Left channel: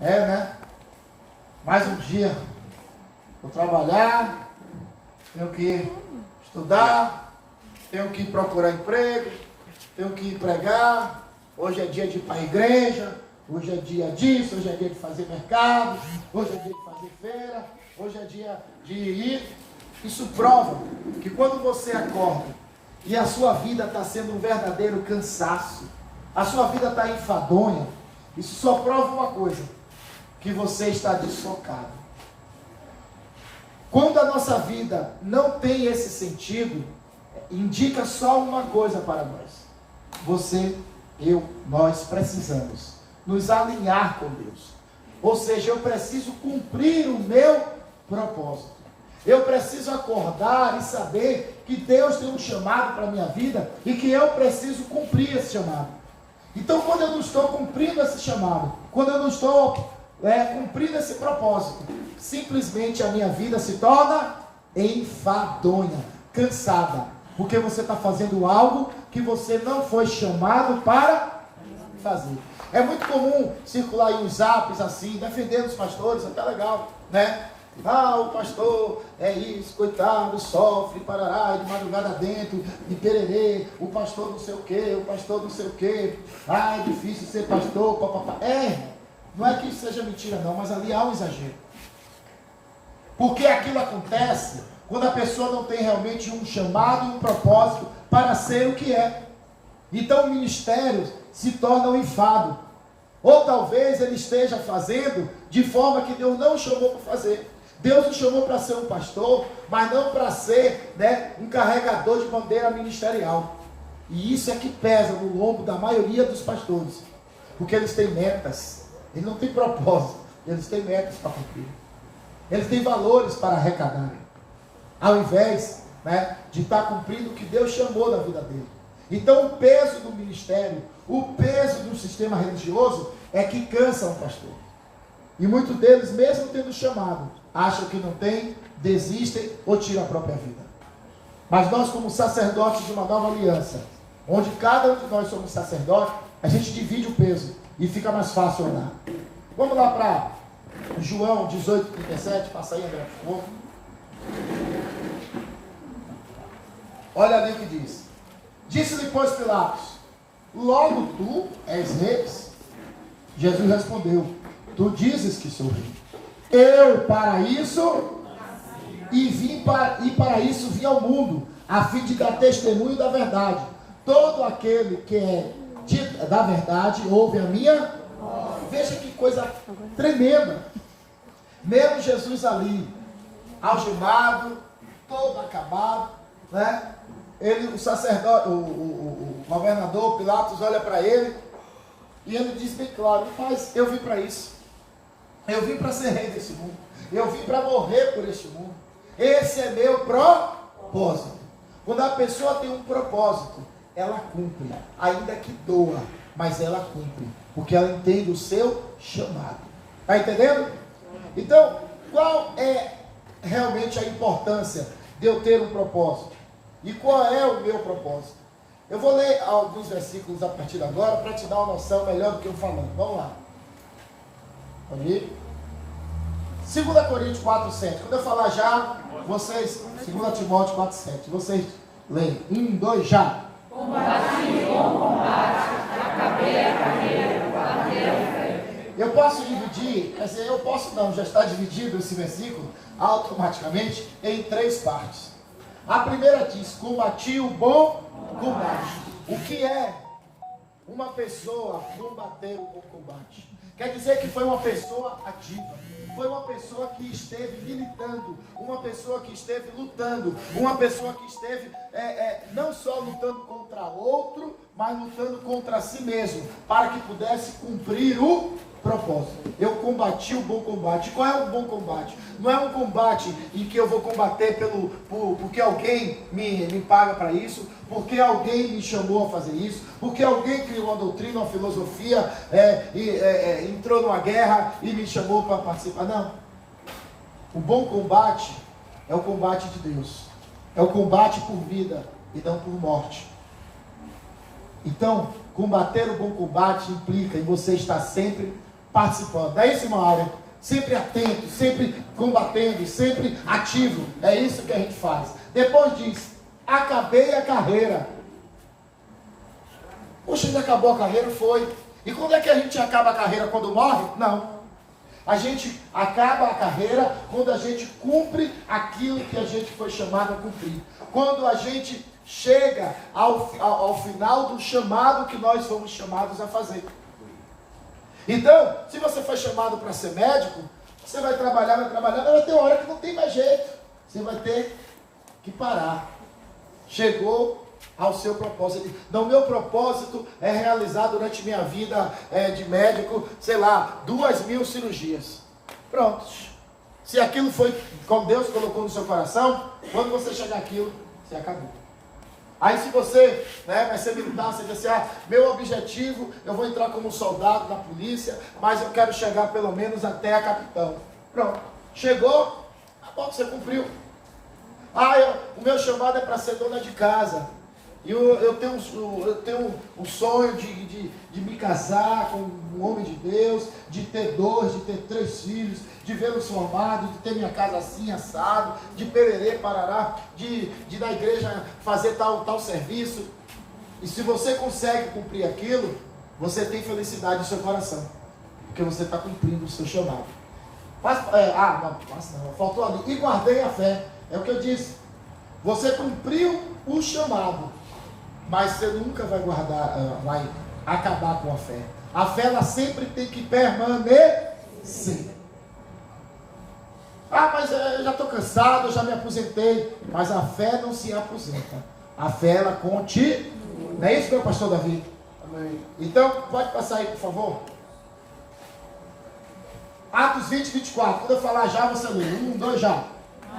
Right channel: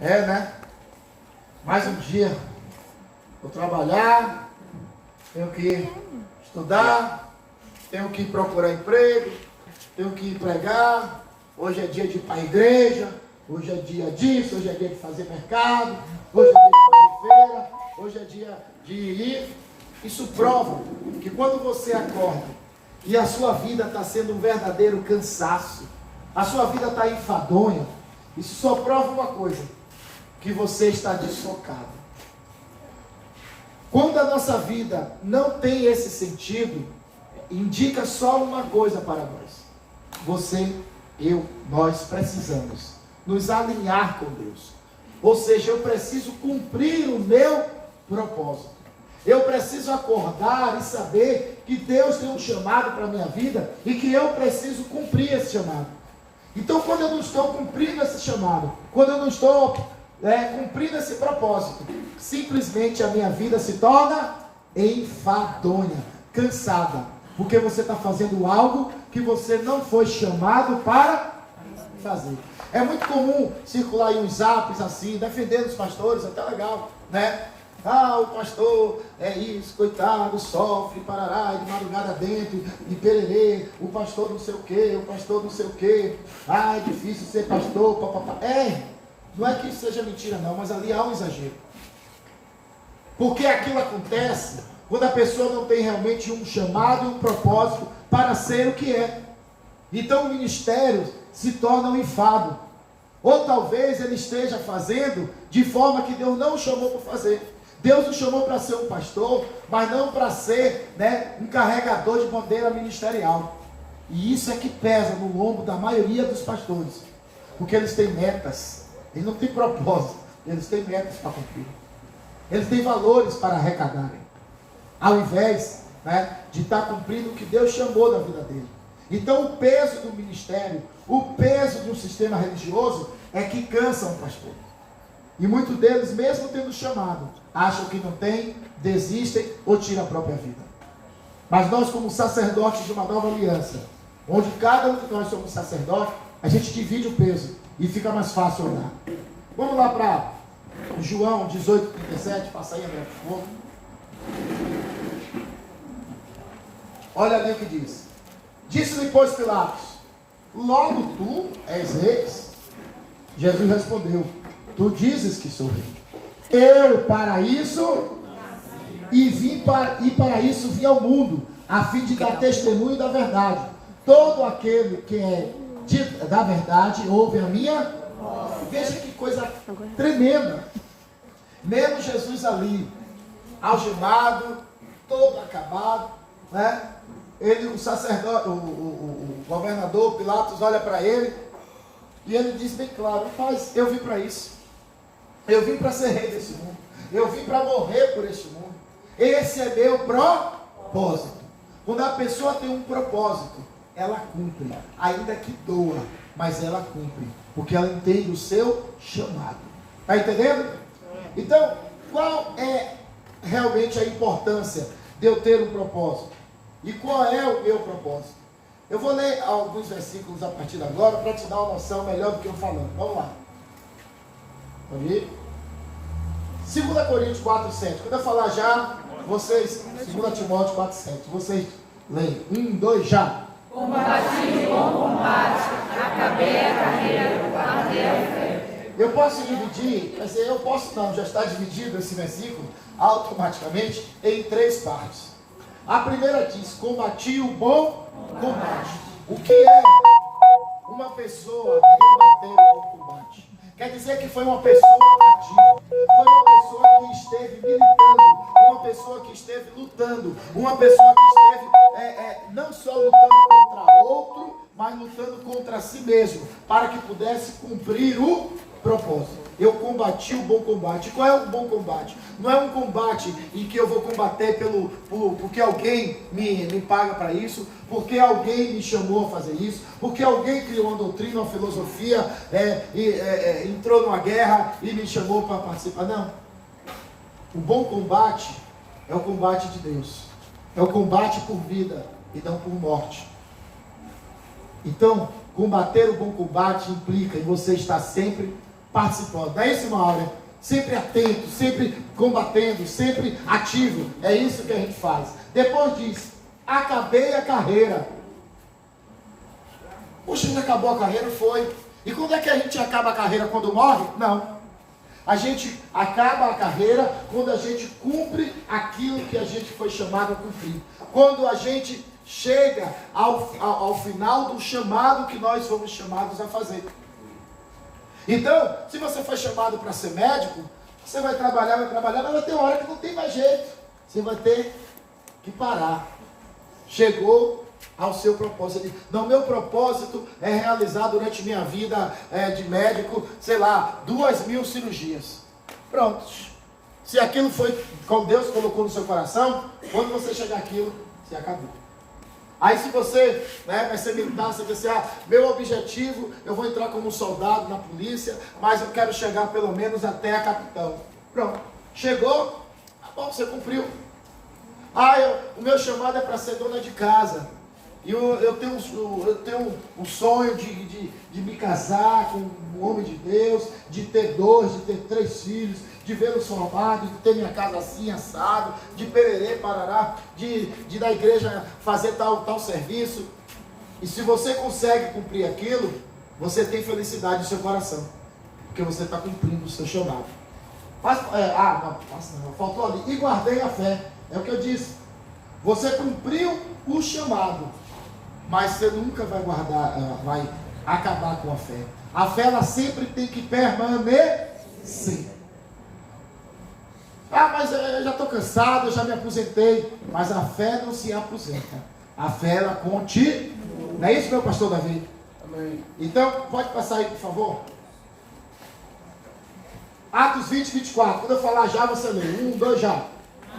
É, né? Mais um dia. Vou trabalhar, tenho que estudar, tenho que procurar emprego, tenho que pregar. Hoje é dia de ir para a igreja, hoje é dia disso, hoje é dia de fazer mercado, hoje é dia de fazer feira, hoje é dia de ir. Isso prova que quando você acorda e a sua vida está sendo um verdadeiro cansaço, a sua vida está enfadonha, isso só prova uma coisa, que você está desfocado. Quando a nossa vida não tem esse sentido, indica só uma coisa para nós. Você, eu, nós precisamos nos alinhar com Deus. Ou seja, eu preciso cumprir o meu propósito. Eu preciso acordar e saber que Deus tem um chamado para a minha vida e que eu preciso cumprir esse chamado. Então, quando eu não estou cumprindo esse chamado, quando eu não estou cumprindo esse propósito, simplesmente a minha vida se torna enfadonha, cansada, porque você está fazendo algo que você não foi chamado para fazer. É muito comum circular aí uns zaps assim, defendendo os pastores, até legal, né? Ah, o pastor é isso, coitado, sofre, parará, de madrugada dentro, de pererê, o pastor não sei o que, o pastor não sei o que, ah, é difícil ser pastor, papapá. Não é que isso seja mentira não, mas ali há um exagero. Porque aquilo acontece quando a pessoa não tem realmente um chamado e um propósito para ser o que é. Então o ministério se torna um enfado. Ou talvez ele esteja fazendo de forma que Deus não o chamou para fazer. Deus o chamou para ser um pastor, mas não para ser, um carregador de bandeira ministerial. E isso é que pesa no lombo da maioria dos pastores. Porque eles têm metas. Eles não têm propósito. Eles têm metas para cumprir. Eles têm valores para arrecadarem. Ao invés de estar cumprindo o que Deus chamou da vida dele. Então o peso do ministério, o peso do sistema religioso é que cansa um pastor. E muitos deles, mesmo tendo chamado, acham que não tem, desistem ou tiram a própria vida. Mas nós, como sacerdotes de uma nova aliança, onde cada um de nós somos sacerdotes, a gente divide o peso e fica mais fácil orar. Vamos lá para João 18:37, passa aí, André, por favor. Olha ali o que diz. Disse-lhe, pois, Pilatos: logo tu és rei? Jesus respondeu: tu dizes que sou rei. Eu para isso para isso vim ao mundo, a fim de dar testemunho da verdade. Todo aquele que é da verdade ouve a minha voz. Veja que coisa tremenda. Mesmo Jesus ali, algemado, todo acabado, Ele, o sacerdote, o governador Pilatos olha para ele e ele diz bem claro: mas eu vim para isso. Eu vim para ser rei desse mundo. Eu vim para morrer por este mundo. Esse é meu propósito. Quando a pessoa tem um propósito, ela cumpre, ainda que doa, mas ela cumpre, porque ela entende o seu chamado. Está entendendo? Então, qual é realmente a importância de eu ter um propósito? E qual é o meu propósito? Eu vou ler alguns versículos a partir de agora para te dar uma noção melhor do que eu falando. Vamos lá. Pode ir? 2 Coríntios 4:7. Quando eu falar já, vocês, 2 Timóteo 4:7, vocês leem. 1, 2, já. Combati o bom combate, acabei a carreira, guardei a fé. Eu posso dividir, quer dizer, eu posso não, já está dividido esse versículo automaticamente em 3 partes. A primeira diz: combati o bom combate. O que é uma pessoa combater o bom combate? Quer dizer que foi uma pessoa ativa, foi uma pessoa que esteve militando, uma pessoa que esteve lutando, uma pessoa que esteve não só lutando contra outro, mas lutando contra si mesmo, para que pudesse cumprir o propósito. Eu combati o bom combate. Qual é o bom combate? Não é um combate em que eu vou combater porque alguém me paga para isso, porque alguém me chamou a fazer isso, porque alguém criou uma doutrina, uma filosofia, entrou numa guerra e me chamou para participar. Não. O bom combate é o combate de Deus. É o combate por vida e não por morte. Então, combater o bom combate implica em você estar sempre participando. Não é isso, irmã Áurea? Sempre atento, sempre combatendo, sempre ativo. É isso que a gente faz. Depois diz, acabei a carreira. Poxa, já acabou a carreira? Foi. E quando é que a gente acaba a carreira? Quando morre? Não. A gente acaba a carreira quando a gente cumpre aquilo que a gente foi chamado a cumprir. Quando a gente chega ao final do chamado que nós fomos chamados a fazer. Então, se você foi chamado para ser médico, você vai trabalhar, mas vai ter uma hora que não tem mais jeito. Você vai ter que parar. Chegou ao seu propósito. Não, meu propósito é realizar durante minha vida de médico, sei lá, 2.000 cirurgias. Pronto. Se aquilo foi como Deus colocou no seu coração, quando você chegar àquilo, você acabou. Aí se você vai ser militar, você vai dizer, meu objetivo, eu vou entrar como soldado na polícia, mas eu quero chegar pelo menos até a capitão. Pronto. Chegou, tá bom, você cumpriu. O meu chamado é para ser dona de casa. E eu tenho um sonho de me casar com um homem de Deus, de ter 2, de ter 3 filhos, de vê-los formados, de ter minha casa assim, assado, de pererê, parará, de na igreja fazer tal serviço. E se você consegue cumprir aquilo, você tem felicidade no seu coração, porque você está cumprindo o seu chamado. Faltou ali. E guardei a fé. É o que eu disse. Você cumpriu o chamado, mas você nunca vai vai acabar com a fé. A fé, ela sempre tem que permanecer. Mas eu já estou cansado, eu já me aposentei. Mas a fé não se aposenta. A fé, ela continua. Não é isso, meu pastor Davi? Amém. Então, pode passar aí, por favor. Atos 20, 24. Quando eu falar já, você lê. 1, 2, já.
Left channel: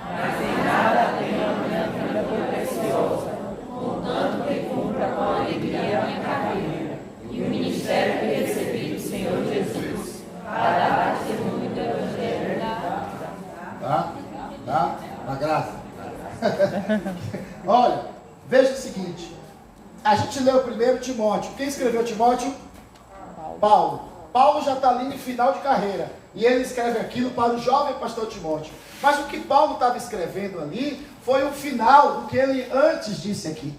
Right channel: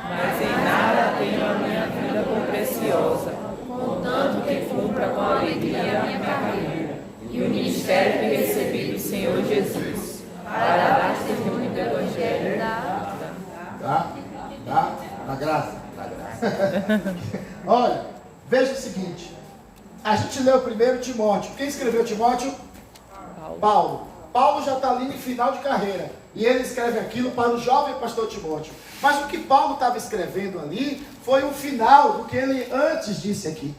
Mas em nada tenho a minha vida por preciosa, contanto que cumpra com alegria a minha carreira e o ministério que recebi do Senhor Jesus, para dar testemunho do Evangelho. Na graça. Olha, veja o seguinte. A gente leu primeiro Timóteo. Quem escreveu Timóteo? Paulo. Paulo já está ali no final de carreira. E ele escreve aquilo para o jovem pastor Timóteo. Mas o que Paulo estava escrevendo ali foi o final do que ele antes disse aqui.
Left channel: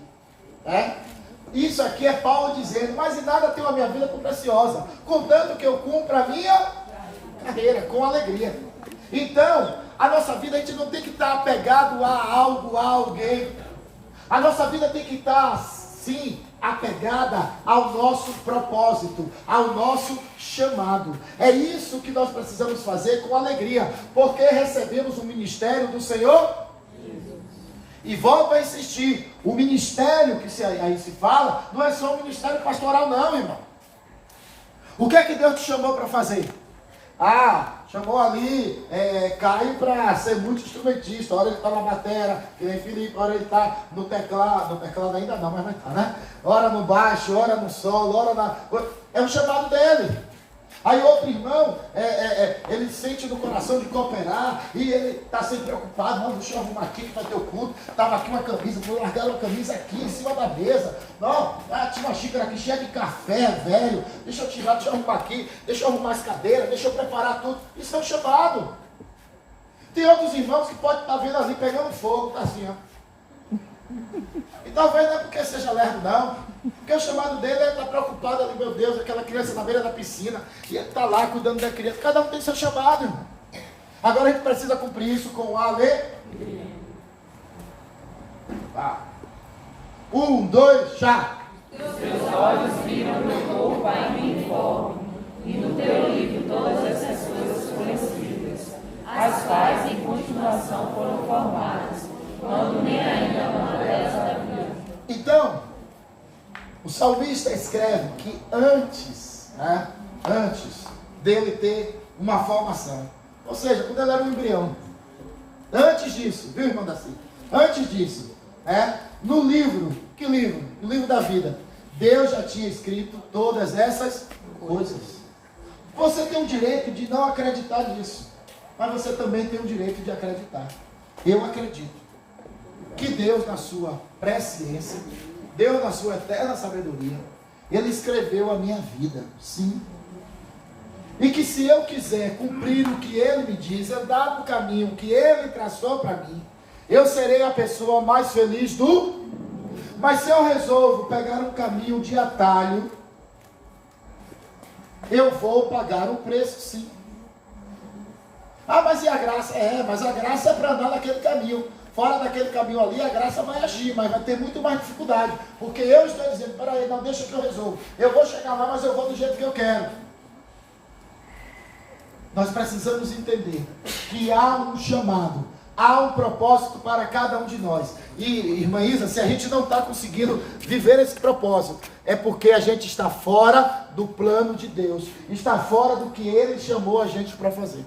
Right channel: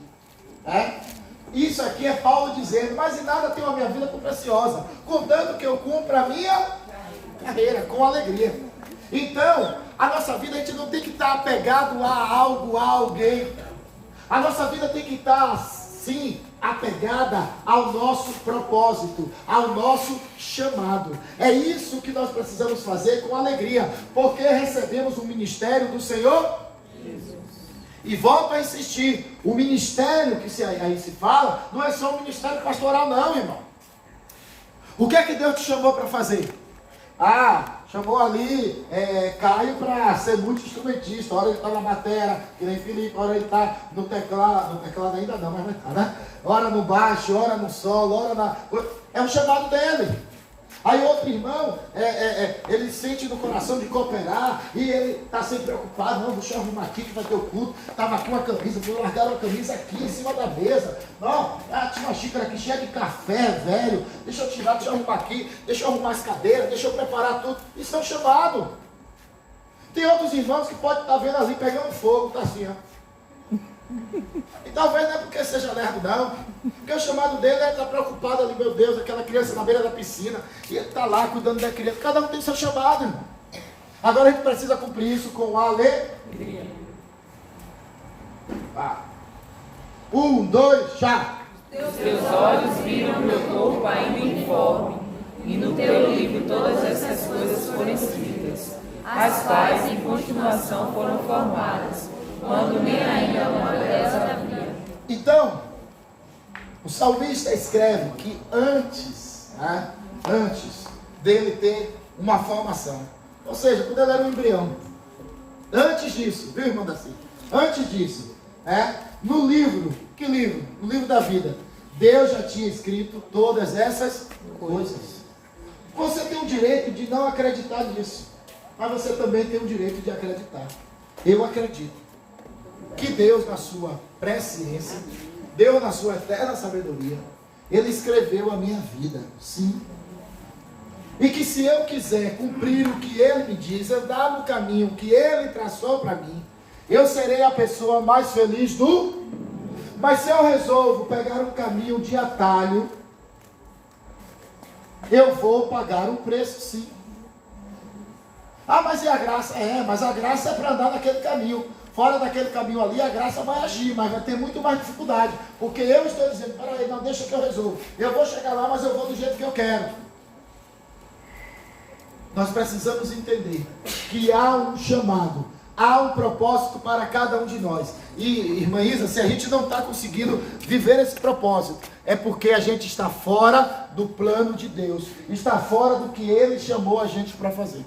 Isso aqui é Paulo dizendo, mas em nada tenho a minha vida tão preciosa, contanto que eu cumpra a minha carreira com alegria. Então, a nossa vida, a gente não tem que estar apegado a algo, a alguém. A nossa vida tem que estar, sim, apegada ao nosso propósito, ao nosso chamado. É isso que nós precisamos fazer com alegria, porque recebemos o ministério do Senhor Jesus. E volto a insistir, o ministério que aí se fala, não é só o ministério pastoral não, irmão. O que é que Deus te chamou para fazer? Chamou ali Caio para ser muito instrumentista. Ora ele está na bateria, que nem Felipe, ora ele está no teclado ainda não, mas vai estar, né? Ora no baixo, ora no solo, é um chamado dele. Aí outro irmão, ele sente no coração de cooperar, e ele está sempre preocupado, não, deixa eu arrumar aqui que vai ter o culto, estava aqui uma camisa, vou largar uma camisa aqui em cima da mesa, não, tinha uma xícara aqui cheia de café, velho, deixa eu tirar, deixa eu arrumar aqui, deixa eu arrumar as cadeiras, deixa eu preparar tudo, isso é um chamado. Tem outros irmãos que podem estar vendo ali pegando fogo, tá assim, ó. E talvez não é porque seja lerdo não, porque o chamado dele é estar preocupado ali, meu Deus, aquela criança na beira da piscina, e ele está lá cuidando da criança. Cada um tem seu chamado, irmão. Agora a gente precisa cumprir isso com alegria. 1, 2, já. Os teus olhos viram o meu corpo ainda informe, e no teu livro todas essas coisas foram escritas, as quais em continuação foram formadas, quando nem ainda uma delas havia. Então, o salmista escreve que antes dele ter uma formação, ou seja, quando ele era um embrião, antes disso, viu, irmão Daci? Antes disso, no livro, que livro? No livro da vida, Deus já tinha escrito todas essas coisas. Você tem o direito de não acreditar nisso, mas você também tem o direito de acreditar. Eu acredito que Deus, na sua presciência, Deus, na sua eterna sabedoria, Ele escreveu a minha vida, sim. E que se eu quiser cumprir o que Ele me diz, andar no caminho que Ele traçou para mim, eu serei a pessoa mais feliz do mundo. Mas se eu resolvo pegar um caminho de atalho, eu vou pagar um preço, sim. Ah, mas e a graça? Mas a graça é para andar naquele caminho. Fora daquele caminho ali, a graça vai agir, mas vai ter muito mais dificuldade. Porque eu estou dizendo, peraí, não, deixa que eu resolvo. Eu vou chegar lá, mas eu vou do jeito que eu quero. Nós precisamos entender que há um chamado, há um propósito para cada um de nós. E, irmã Isa, se a gente não está conseguindo viver esse propósito, é porque a gente está fora do plano de Deus, está fora do que Ele chamou a gente para fazer.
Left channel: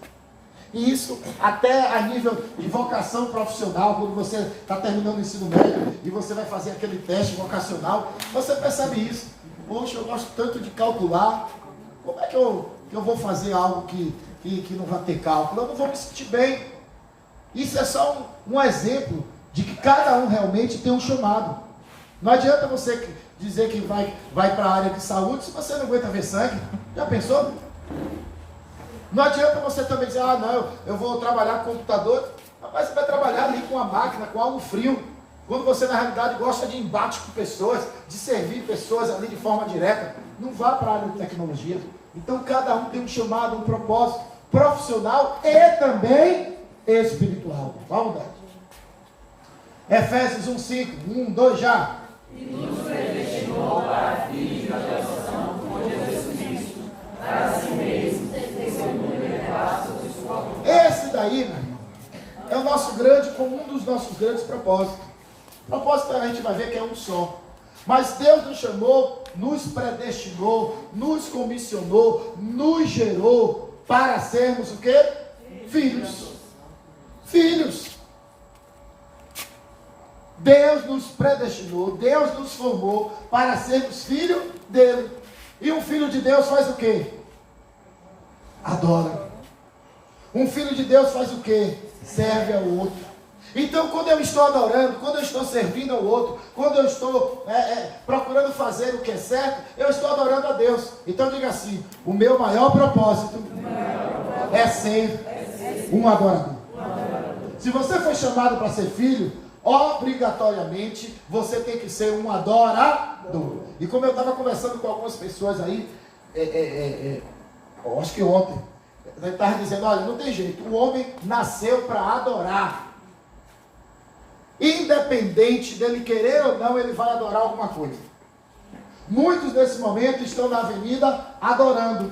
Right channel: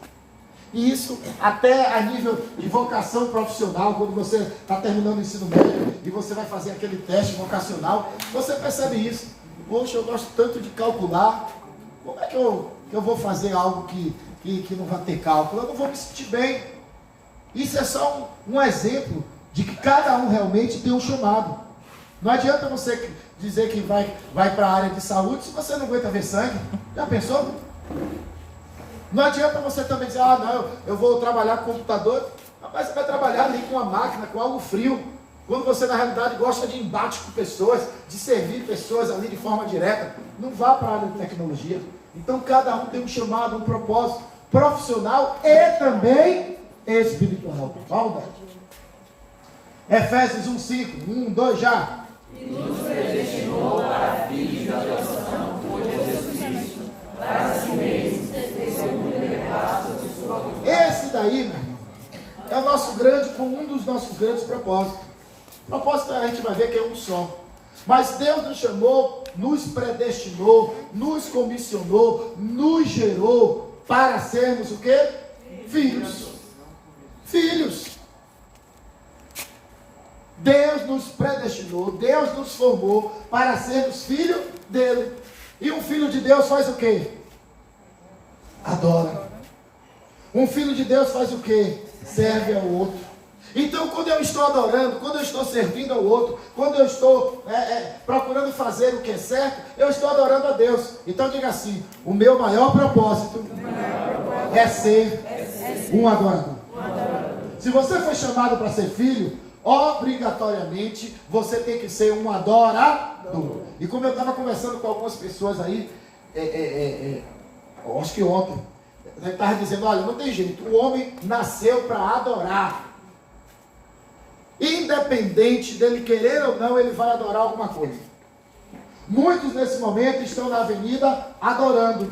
E isso até a nível de vocação profissional, quando você está terminando o ensino médio e você vai fazer aquele teste vocacional, você percebe isso. Poxa, eu gosto tanto de calcular, como é que eu vou fazer algo que não vai ter cálculo? Eu não vou me sentir bem. Isso é só um exemplo de que cada um realmente tem um chamado. Não adianta você dizer que vai para a área de saúde se você não aguenta ver sangue. Já pensou? Não adianta você também dizer, não, eu vou trabalhar com computador. Mas você vai trabalhar ali com a máquina, com algo frio. Quando você na realidade gosta de embate com pessoas, de servir pessoas ali de forma direta, não vá para a área de tecnologia. Então cada um tem um chamado, um propósito profissional e também espiritual. Vamos lá. Efésios 1:5, 1, 2 já. E nos predestinou para filhos de adoção por Jesus Cristo, para si mesmo, segundo o decreto de sua vontade. Esse daí, meu irmão, é o nosso um dos nossos grandes propósitos. O propósito a gente vai ver que é um só. Mas Deus nos chamou, nos predestinou, nos comissionou, nos gerou para sermos o quê? Filhos. Filhos. Deus nos predestinou, Deus nos formou para sermos filhos dele. E um filho de Deus faz o quê? Adora. Um filho de Deus faz o quê? Serve ao outro. Então, quando eu estou adorando, quando eu estou servindo ao outro, quando eu estou procurando fazer o que é certo, eu estou adorando a Deus. Então, diga assim: o meu maior propósito é ser um adorador. Se você foi chamado para ser filho, obrigatoriamente você tem que ser um adorador. E como eu estava conversando com algumas pessoas aí, acho que ontem, eu estava dizendo, olha, não tem jeito, o homem nasceu para adorar. Independente dele querer ou não, ele vai adorar alguma coisa. Muitos nesse momento estão na avenida adorando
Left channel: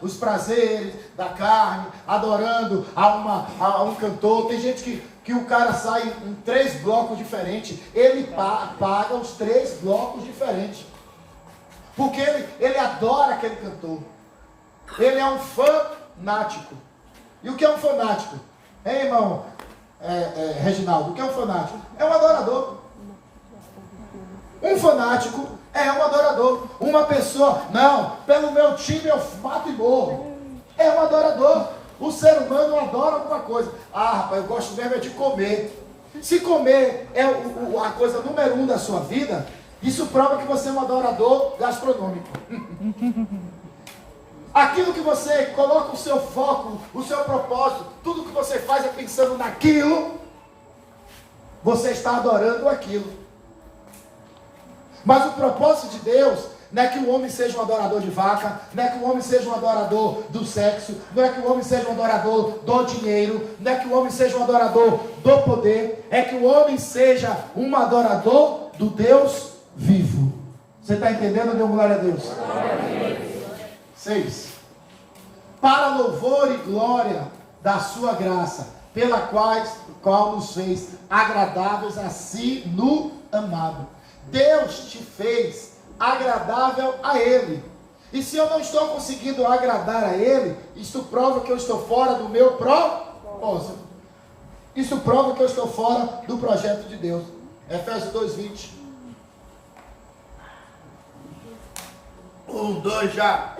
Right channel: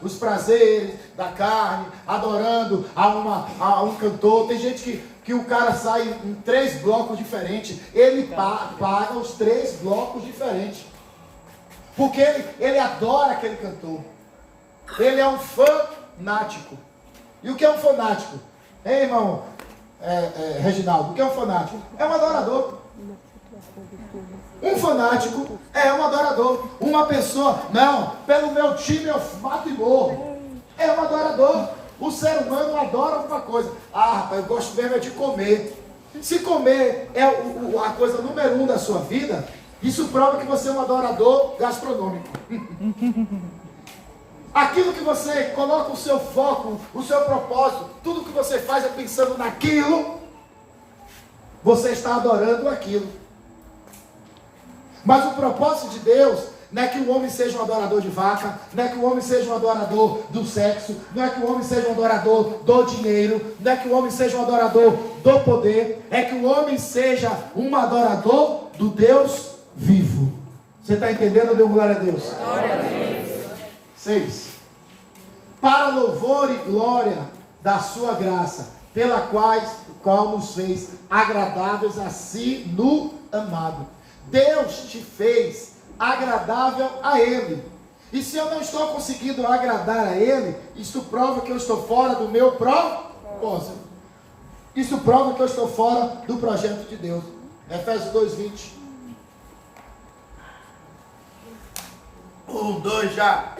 os prazeres da carne, adorando a um cantor. Tem gente que o cara sai em 3 blocos diferentes, ele paga os 3 blocos diferentes, porque ele adora aquele cantor. Ele é um fanático. E o que é um fanático? Hein, irmão Reginaldo, o que é um fanático? É um adorador. Um fanático é um adorador. Uma pessoa, não, pelo meu time eu mato e morro. É um adorador. O ser humano adora alguma coisa. Rapaz, eu gosto mesmo é de comer. Se comer é a coisa número 1 da sua vida, isso prova que você é um adorador gastronômico. Aquilo que você coloca o seu foco, o seu propósito, tudo que você faz é pensando naquilo, você está adorando aquilo. Mas o propósito de Deus não é que o homem seja um adorador de vaca, não é que o homem seja um adorador do sexo, não é que o homem seja um adorador do dinheiro, não é que o homem seja um adorador do poder, é que o homem seja um adorador do Deus vivo. Você está entendendo? Dê glória a Deus. Glória a Deus. 6. Para louvor e glória da sua graça, pela qual nos fez agradáveis a si no amado. Deus te fez agradável a Ele. E se eu não estou conseguindo agradar a Ele, isso prova que eu estou fora do meu propósito. Isso prova que eu estou fora do projeto de Deus. Efésios 2:20. 1, 2 já.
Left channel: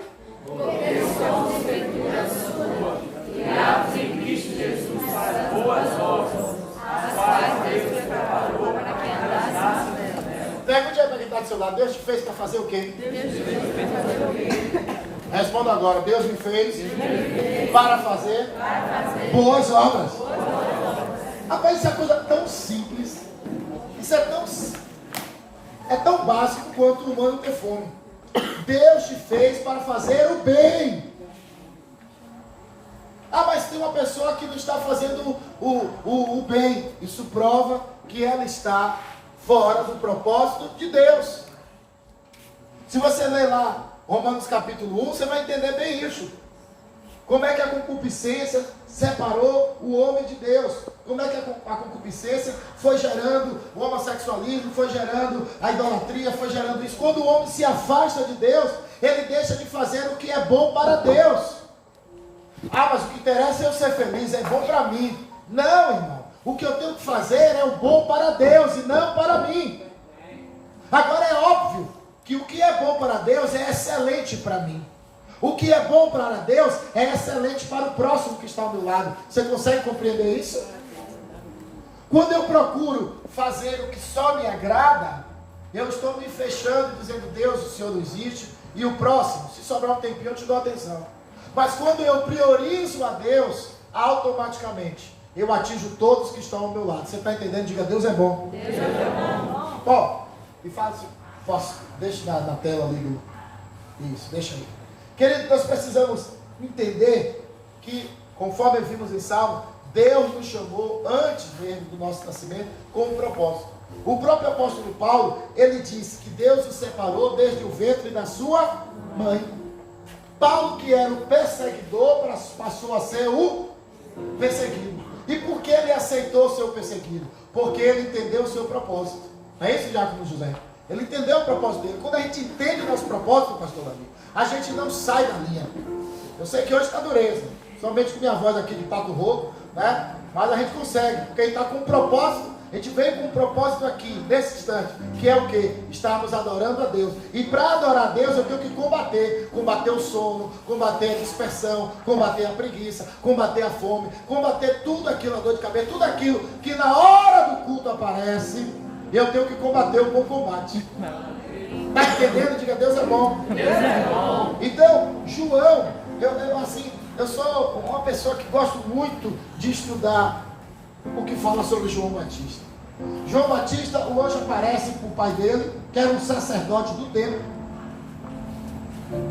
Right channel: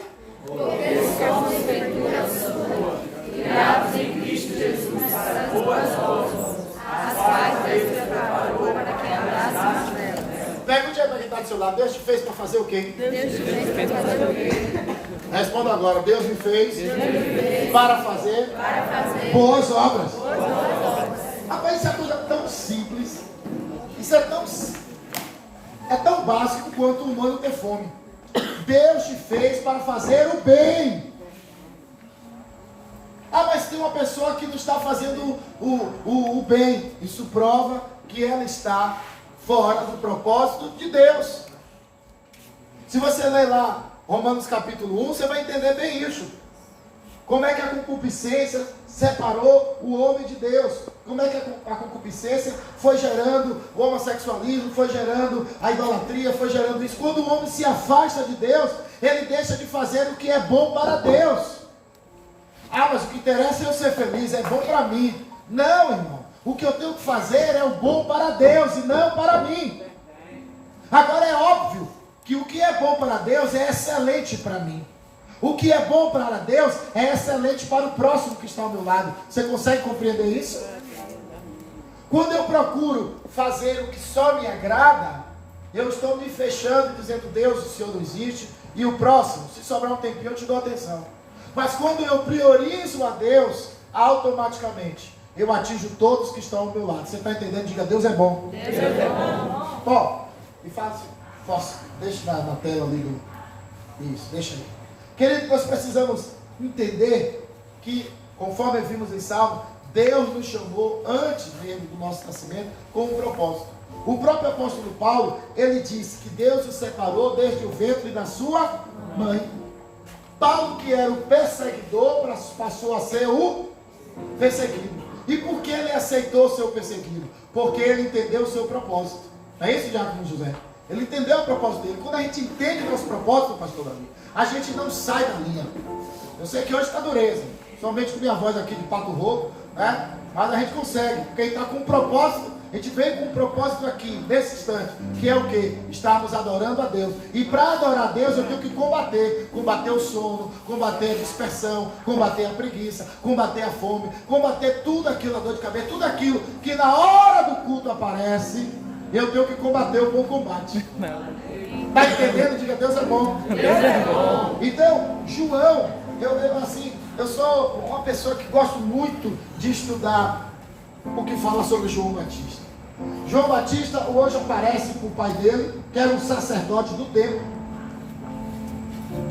Porque somos escritura sua, criados em Cristo Jesus para boas obras, as quais Deus te preparou para que andássemos nelas. Pergunte aí para quem está do seu lado. Deus te fez para fazer o quê? Deus te fez para fazer o quê? Responda agora. Deus me fez para fazer boas obras. Rapaz, isso é uma coisa tão simples. Isso é tão básico quanto o humano ter fome. Deus te fez para fazer o bem. Ah, mas tem uma pessoa que não está fazendo o bem. Isso prova que ela está fora do propósito de Deus. Se você ler lá Romanos capítulo 1, você vai entender bem isso. Como é que a concupiscência separou o homem de Deus? Como é que a concupiscência foi gerando o homossexualismo, foi gerando a idolatria, foi gerando isso. Quando o homem se afasta de Deus, ele deixa de fazer o que é bom para Deus. Ah, mas o que interessa é eu ser feliz, é bom para mim. Não, irmão. O que eu tenho que fazer é o bom para Deus e não para mim. Agora é óbvio que o que é bom para Deus é excelente para mim. O que é bom para Deus é excelente para o próximo que está ao meu lado. Você consegue compreender isso? Quando eu procuro fazer o que só me agrada, eu estou me fechando, dizendo: Deus, o Senhor não existe. E o próximo, se sobrar um tempinho, eu te dou atenção. Mas quando eu priorizo a Deus, automaticamente eu atinjo todos que estão ao meu lado. Você está entendendo? Diga: Deus é bom. Deus é bom. Ó, e faz assim. Deixa na tela ali. Isso, deixa aí. Querido, nós precisamos entender que, conforme vimos em Salmo, Deus nos chamou antes mesmo do nosso nascimento com um propósito. O próprio apóstolo Paulo, ele disse que Deus o separou desde o ventre da sua mãe. Paulo, que era o perseguidor, passou a ser o perseguido. E por que ele aceitou ser o perseguido? Porque ele entendeu o seu propósito. Não é isso, Diácono José? Ele entendeu o propósito dele. Quando a gente entende o nosso propósito, pastor Davi, a gente não sai da linha. Eu sei que hoje está dureza, somente com minha voz aqui de pato rouco, né? Mas a gente consegue, porque a gente está com um propósito. A gente veio com um propósito aqui, nesse instante, que é o quê? Estarmos adorando a Deus. E para adorar a Deus, eu tenho que combater o sono, combater a dispersão, combater a preguiça, combater a fome, combater tudo aquilo, a dor de cabeça, tudo aquilo que na hora do culto aparece. Eu tenho que combater o bom combate. Está entendendo? Diga: Deus é bom. Deus é bom. Então, João, eu sou uma pessoa que gosto muito de estudar o que fala sobre João Batista. João Batista, o anjo aparece para o pai dele, que era um sacerdote do templo,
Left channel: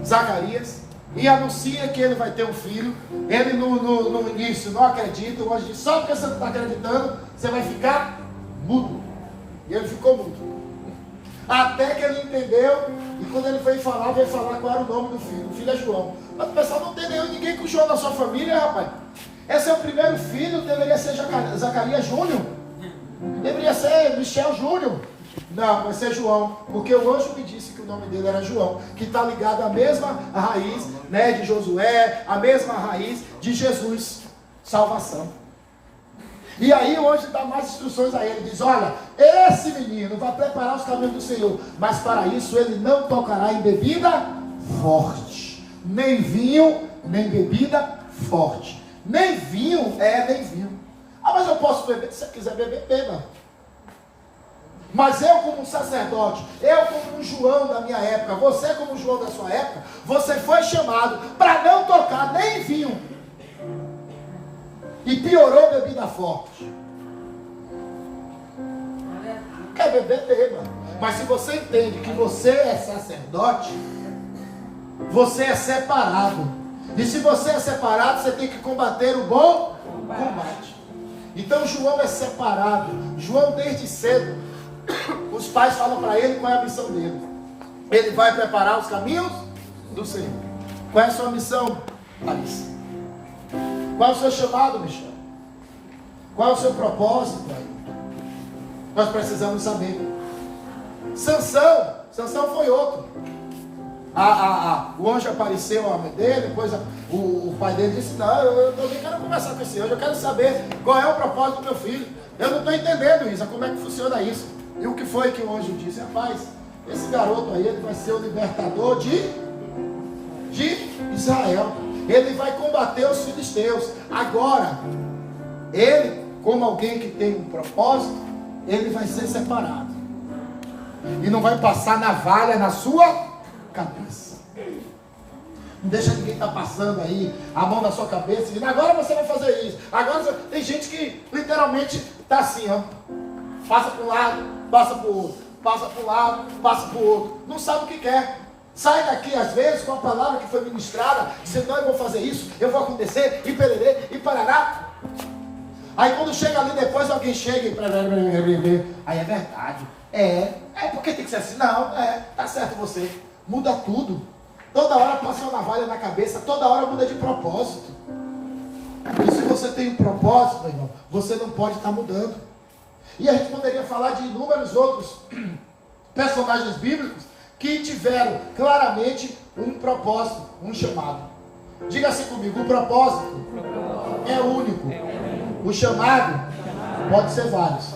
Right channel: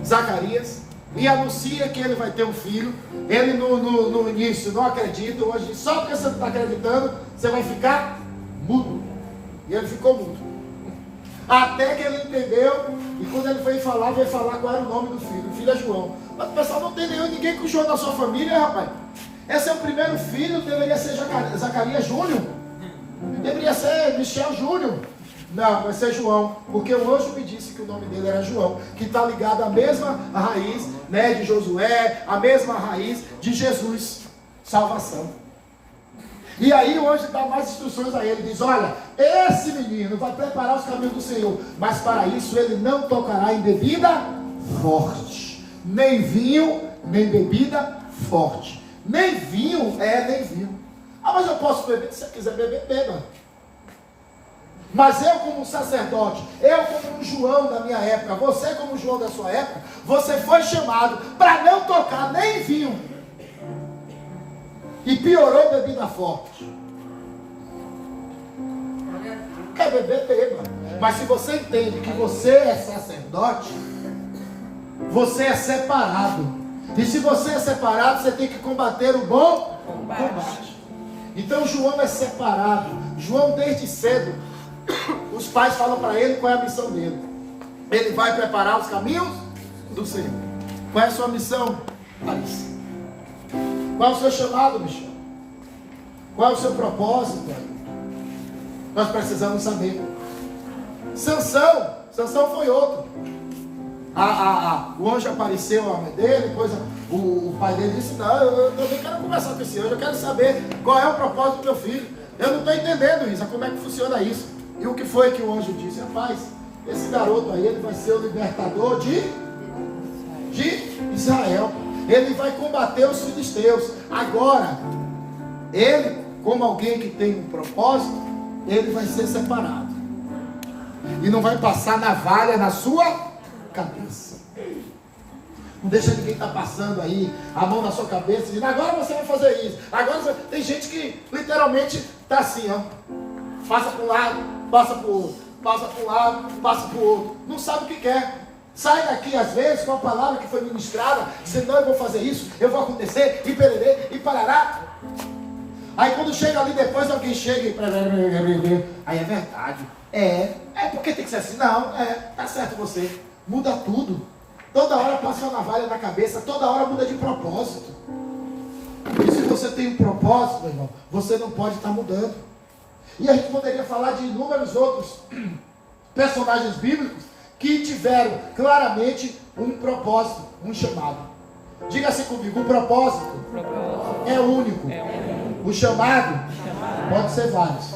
Zacarias, e anuncia que ele vai ter um filho. Ele no início não acredita, o anjo diz: só porque você não está acreditando, você vai ficar mudo. E ele ficou mudo. Até que ele entendeu, e quando ele veio falar qual era o nome do filho. O filho é João. Mas o pessoal não tem ninguém com João na sua família, rapaz. Esse é o primeiro filho, deveria ser Zacarias Júnior. Deveria ser Michel Júnior. Não, vai ser João, porque o anjo me disse que o nome dele era João, que está ligado à mesma raiz, né, de Josué, a mesma raiz de Jesus, salvação. E aí o anjo dá mais instruções a ele, diz: olha, esse menino vai preparar os caminhos do Senhor, mas para isso ele não tocará em bebida forte, nem vinho, nem bebida forte. Nem vinho, nem vinho. Ah, mas eu posso beber? Se você quiser beber, beba. Mas eu como sacerdote, eu como um João da minha época, você como João da sua época, você foi chamado para não tocar nem vinho. E piorou bebida forte. Quer beber, beba. Mas se você entende que você é sacerdote, você é separado. E se você é separado, você tem que combater o bom combate. Então João é separado. João, desde cedo, os pais falam para ele qual é a missão dele. Ele vai preparar os caminhos do Senhor. Qual é a sua missão, Larissa? Qual é o seu chamado, Michel? Qual é o seu propósito aí? Nós precisamos saber. Sansão foi outro. O anjo apareceu a mãe dele, depois o pai dele disse: não, eu também quero conversar com esse anjo, eu quero saber qual é o propósito do meu filho. Eu não estou entendendo isso, como é que funciona isso. E o que foi que o anjo disse? Rapaz, esse garoto aí, ele vai ser o libertador de Israel. Ele vai combater os filisteus. Agora, ele, como alguém que tem um propósito, ele vai ser separado. E não vai passar navalha na sua cabeça. Não deixa ninguém estar passando aí a mão na sua cabeça, dizendo, agora você vai fazer isso. Agora você... Tem gente que literalmente está assim, ó. Passa para um lado, passa para o outro. Passa para um lado, passa para o outro. Não sabe o que quer. Sai daqui às vezes com a palavra que foi ministrada, dizendo, não, eu vou fazer isso, eu vou acontecer, e pererê, e parará. Aí quando chega ali depois, alguém chega e... Aí é verdade. É porque tem que ser assim. Não, tá certo você. Muda tudo. Toda hora passa uma navalha na cabeça, toda hora muda de propósito. E se você tem um propósito, meu irmão, você não pode estar mudando. E a gente poderia falar de inúmeros outros personagens bíblicos que tiveram claramente um propósito, um chamado. Diga assim comigo, o propósito é único. O chamado pode ser vários.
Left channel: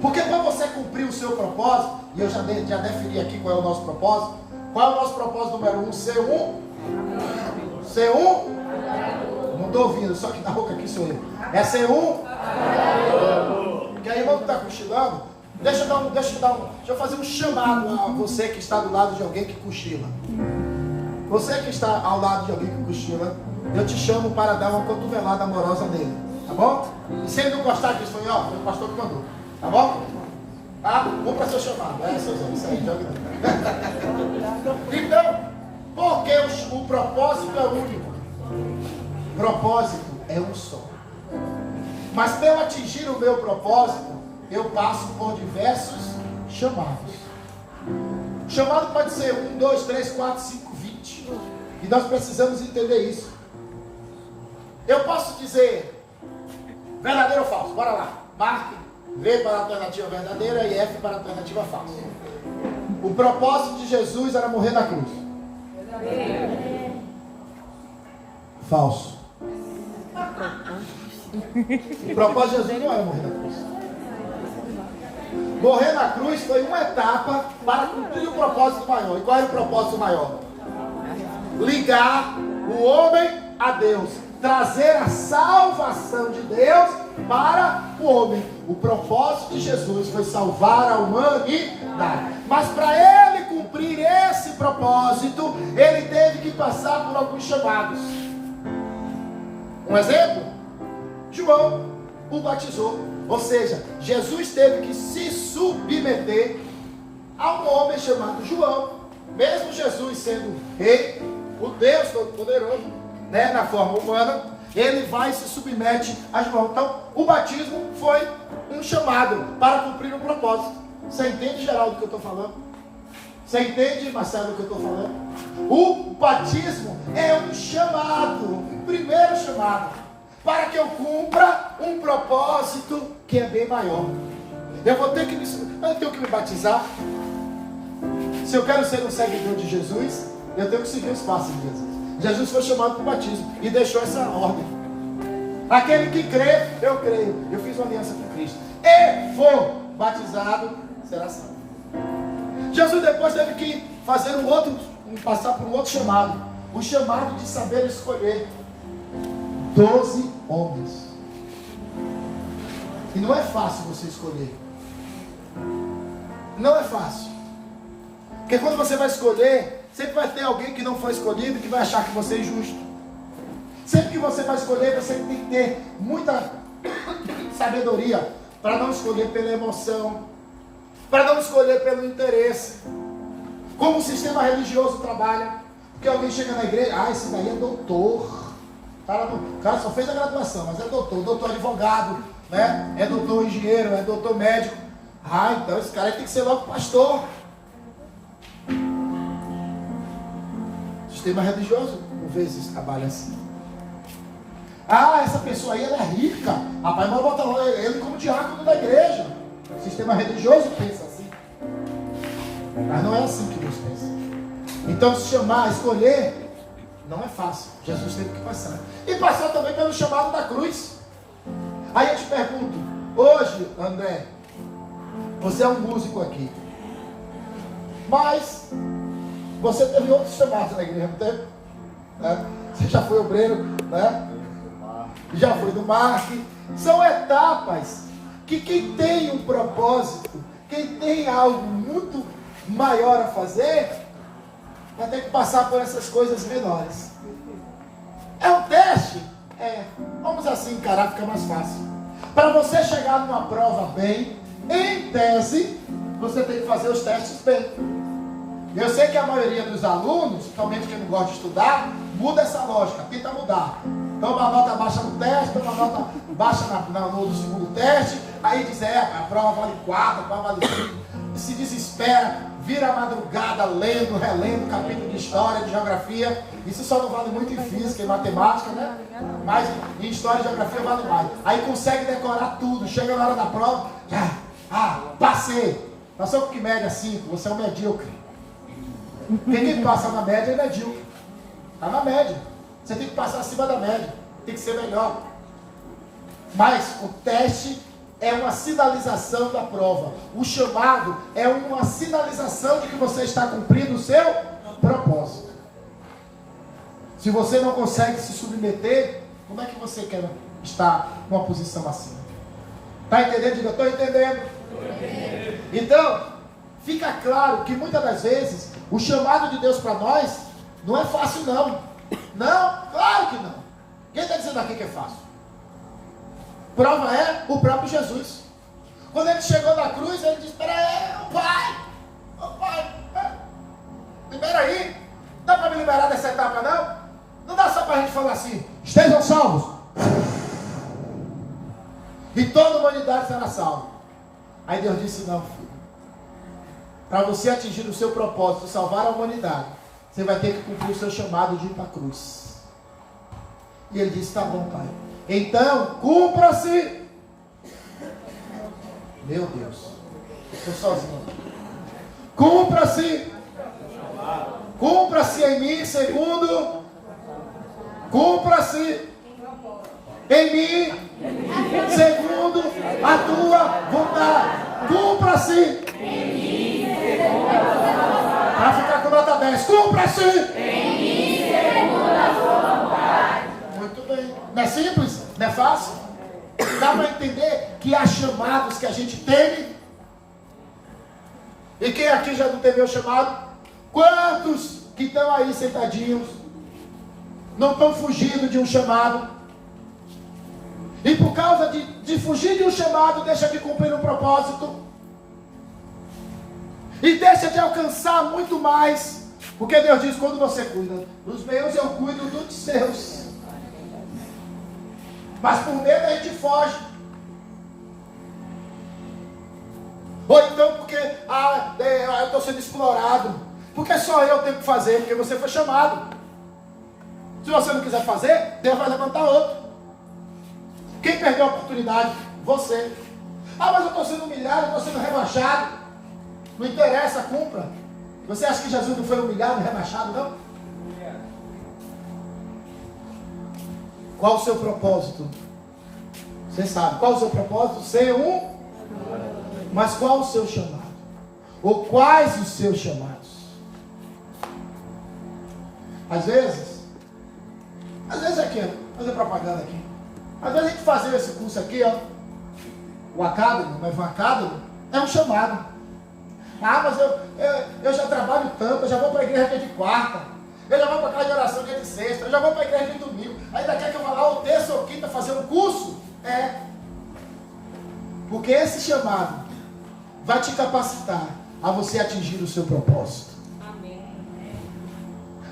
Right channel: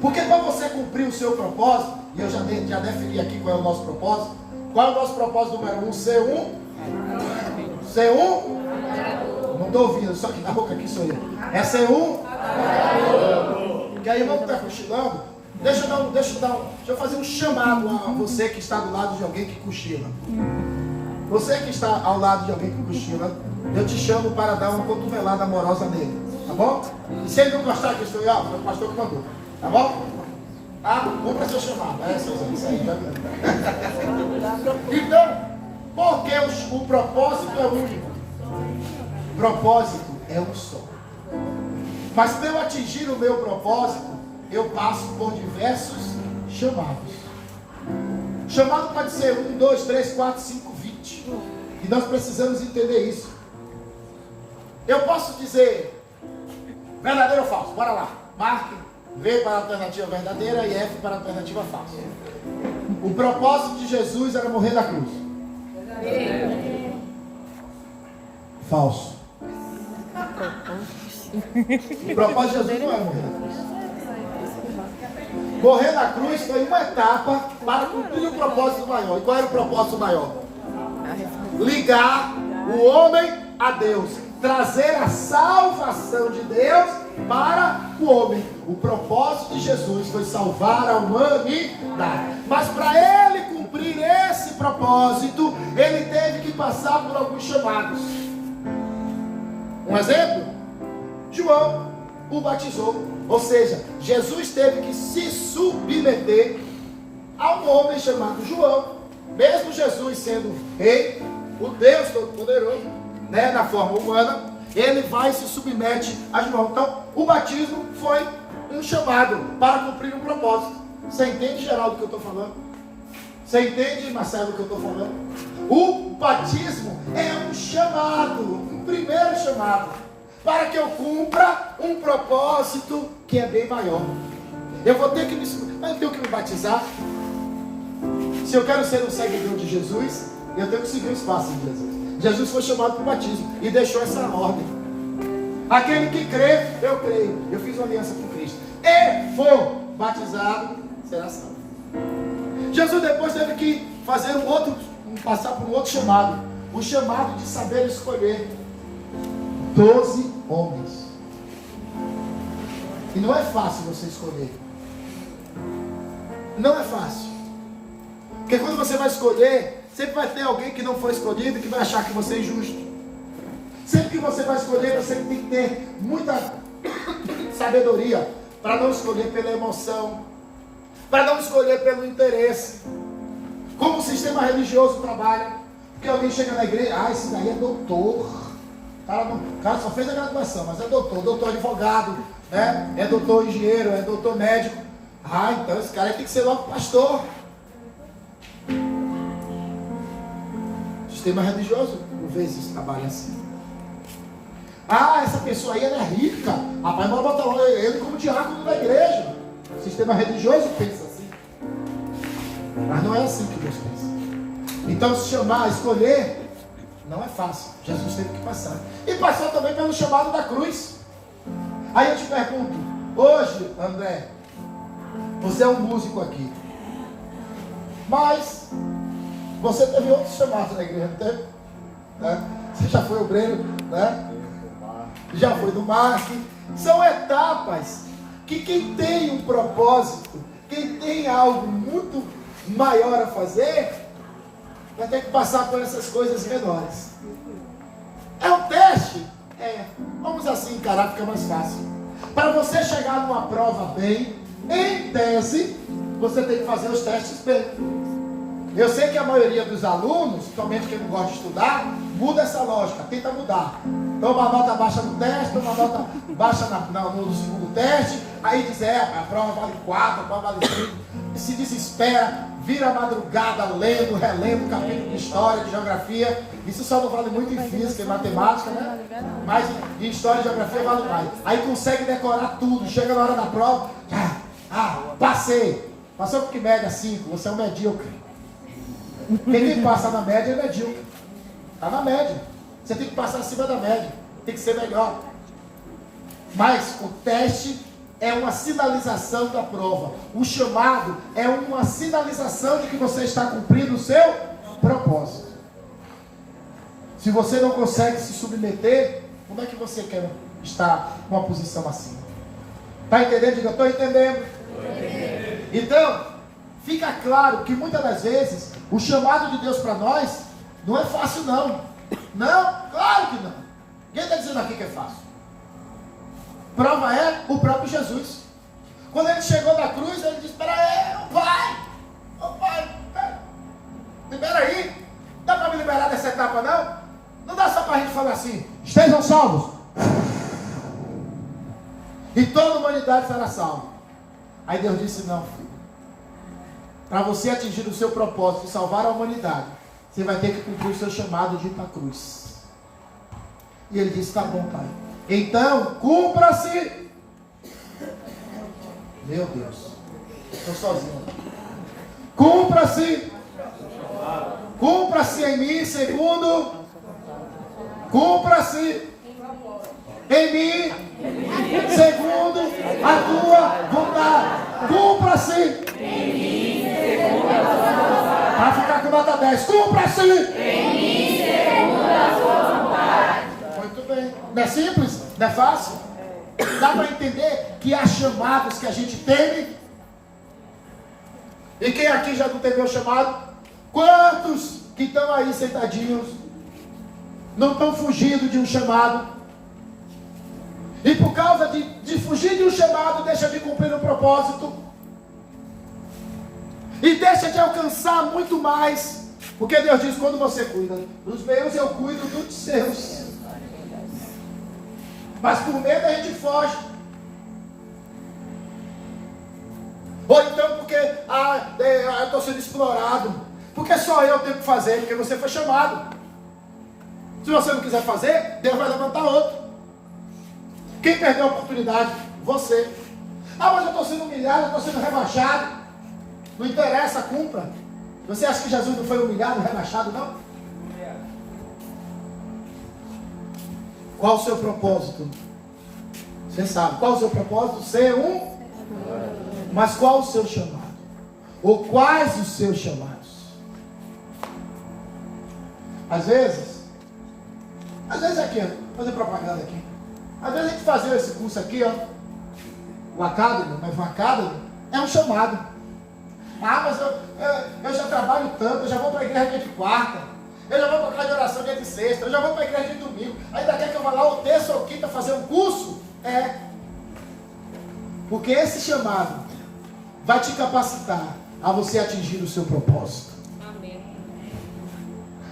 Porque para você cumprir o seu propósito, e eu já defini aqui qual é o nosso propósito. Qual é o nosso propósito número 1? Ser um? Não estou ouvindo, só que na boca aqui sou eu. É ser um? Porque a irmã que está cochilando, deixa eu fazer um chamado a você que está do lado de alguém que cochila. Você que está ao lado de alguém que cochila, eu te chamo para dar uma cotovelada amorosa nele, tá bom? E se ele não gostar disso, foi o pastor que mandou, tá bom? Tá? Cumpra seu chamado. Isso aí, já viu? Então, porque o propósito é único. Propósito é um só. Mas para eu atingir o meu propósito, eu passo por diversos chamados. O chamado pode ser 1, 2, 3, 4, 5, 20. E nós precisamos entender isso. Eu posso dizer verdadeiro ou falso? Bora lá. Marque V para a alternativa verdadeira e F para a alternativa falsa. O propósito de Jesus era morrer na cruz. Falso. O propósito de Jesus não era morrer na cruz. Morrer na cruz foi uma etapa para cumprir o propósito maior. E qual era o propósito maior? Ligar o homem a Deus. Trazer a salvação de Deus para o homem. O propósito de Jesus foi salvar a humanidade. Mas para ele cumprir esse propósito, ele teve que passar por alguns chamados. Um exemplo? João o batizou. Ou seja, Jesus teve que se submeter a um homem chamado João. Mesmo Jesus sendo rei, o Deus Todo-Poderoso, né, na forma humana, ele vai e se submete a João. Então, o batismo foi um chamado para cumprir um propósito. Você entende, Geraldo, o que eu estou falando? Você entende, Marcelo, o que eu estou falando? O batismo é um chamado, um primeiro chamado, para que eu cumpra um propósito que é bem maior. Eu tenho que me batizar. Se eu quero ser um seguidor de Jesus, eu tenho que seguir os passos de Jesus. Jesus foi chamado para o batismo e deixou essa ordem. Aquele que crê, eu creio. Eu fiz uma aliança com Cristo. E for batizado, será salvo. Jesus depois teve que fazer passar por um outro chamado. O chamado de saber escolher 12 homens. E não é fácil você escolher. Não é fácil. Porque quando você vai escolher, sempre vai ter alguém que não foi escolhido e que vai achar que você é injusto. Sempre que você vai escolher, você tem que ter muita sabedoria para não escolher pela emoção, para não escolher pelo interesse. Como o sistema religioso trabalha. Porque alguém chega na igreja, esse daí é doutor. O cara só fez a graduação, mas é doutor advogado, né? É doutor engenheiro, é doutor médico. Então esse cara tem que ser logo pastor. O sistema religioso, por vezes, trabalha assim. Essa pessoa aí, ela é rica. Rapaz, mas bota ele como diácono da igreja. O sistema religioso pensa assim. Mas não é assim que Deus pensa. Então, se chamar, escolher, não é fácil. Jesus teve que passar. E passou também pelo chamado da cruz. Aí eu te pergunto, hoje, André, você é um músico aqui. Mas você teve outros chamados na igreja, não teve? Né? Você já foi obreiro, né? Já foi do marketing. São etapas que quem tem um propósito, quem tem algo muito maior a fazer, vai ter que passar por essas coisas menores. É um teste? É. Vamos assim encarar, fica mais fácil. Para você chegar numa prova bem, em tese, você tem que fazer os testes bem. Eu sei que a maioria dos alunos, principalmente quem não gosta de estudar, muda essa lógica, tenta mudar. Toma uma nota baixa no teste, toma uma nota baixa no segundo teste, aí diz, a prova vale 4, a prova vale 5, e se desespera, vira a madrugada lendo, relendo capítulo de história, de geografia. Isso só não vale muito em física e matemática, né? Mas em história e geografia vale mais. Aí consegue decorar tudo, chega na hora da prova, passei. Passou com que média 5, você é um medíocre. Quem passa na média é medíocre. Está na média. Você tem que passar acima da média. Tem que ser melhor. Mas o teste é uma sinalização da prova. O chamado é uma sinalização de que você está cumprindo o seu propósito. Se você não consegue se submeter, como é que você quer estar numa posição assim? Está entendendo? Diga, estou entendendo. Então, fica claro que muitas das vezes o chamado de Deus para nós não é fácil não. Não, claro que não. Quem está dizendo aqui que é fácil? Prova é o próprio Jesus. Quando ele chegou na cruz, ele disse, espera aí, pai, libera aí. Dá para me liberar dessa etapa não? Não dá só para a gente falar assim, estejam salvos. E toda a humanidade será salva. Aí Deus disse, não, filho. Para você atingir o seu propósito, salvar a humanidade, você vai ter que cumprir o seu chamado de ir para a cruz. E ele disse, tá bom, pai. Então, cumpra-se. Meu Deus, estou sozinho. Cumpra-se. Cumpra-se em mim, segundo. Cumpra-se em mim, segundo a tua vontade. Cumpra-se em mim, segundo a tua vontade. Para ficar com nota 10. Cumpra-se em mim, segundo a tua vontade. Muito bem. Não é simples? Não é fácil? Dá para entender que há chamados que a gente teme. E quem aqui já não temeu o chamado? Quantos que estão aí sentadinhos não estão fugindo de um chamado? E por causa de fugir de um chamado, deixa de cumprir um propósito. E deixa de alcançar muito mais. Porque Deus diz, quando você cuida dos meus, eu cuido dos seus. Mas por medo a gente foge. Ou então porque eu estou sendo explorado. Porque só eu tenho que fazer, porque você foi chamado. Se você não quiser fazer, Deus vai levantar outro. Quem perdeu a oportunidade? Você. Mas eu estou sendo humilhado, eu estou sendo rebaixado. Não interessa, cumpra. Você acha que Jesus não foi humilhado e rebaixado, não? Qual o seu propósito? Você sabe. Qual o seu propósito? Ser um. Mas qual o seu chamado? Ou quais os seus chamados? Às vezes aqui, vou fazer propaganda aqui. Às vezes a gente fazendo esse curso aqui, o Academy, o Novo Academy, é um chamado. Mas eu já trabalho tanto, eu já vou para a igreja dia de quarta, eu já vou para a casa de oração dia de sexta, eu já vou para a igreja dia de domingo, ainda quer que eu vá lá ou terça ou quinta fazer um curso? Porque esse chamado vai te capacitar a você atingir o seu propósito. Amém.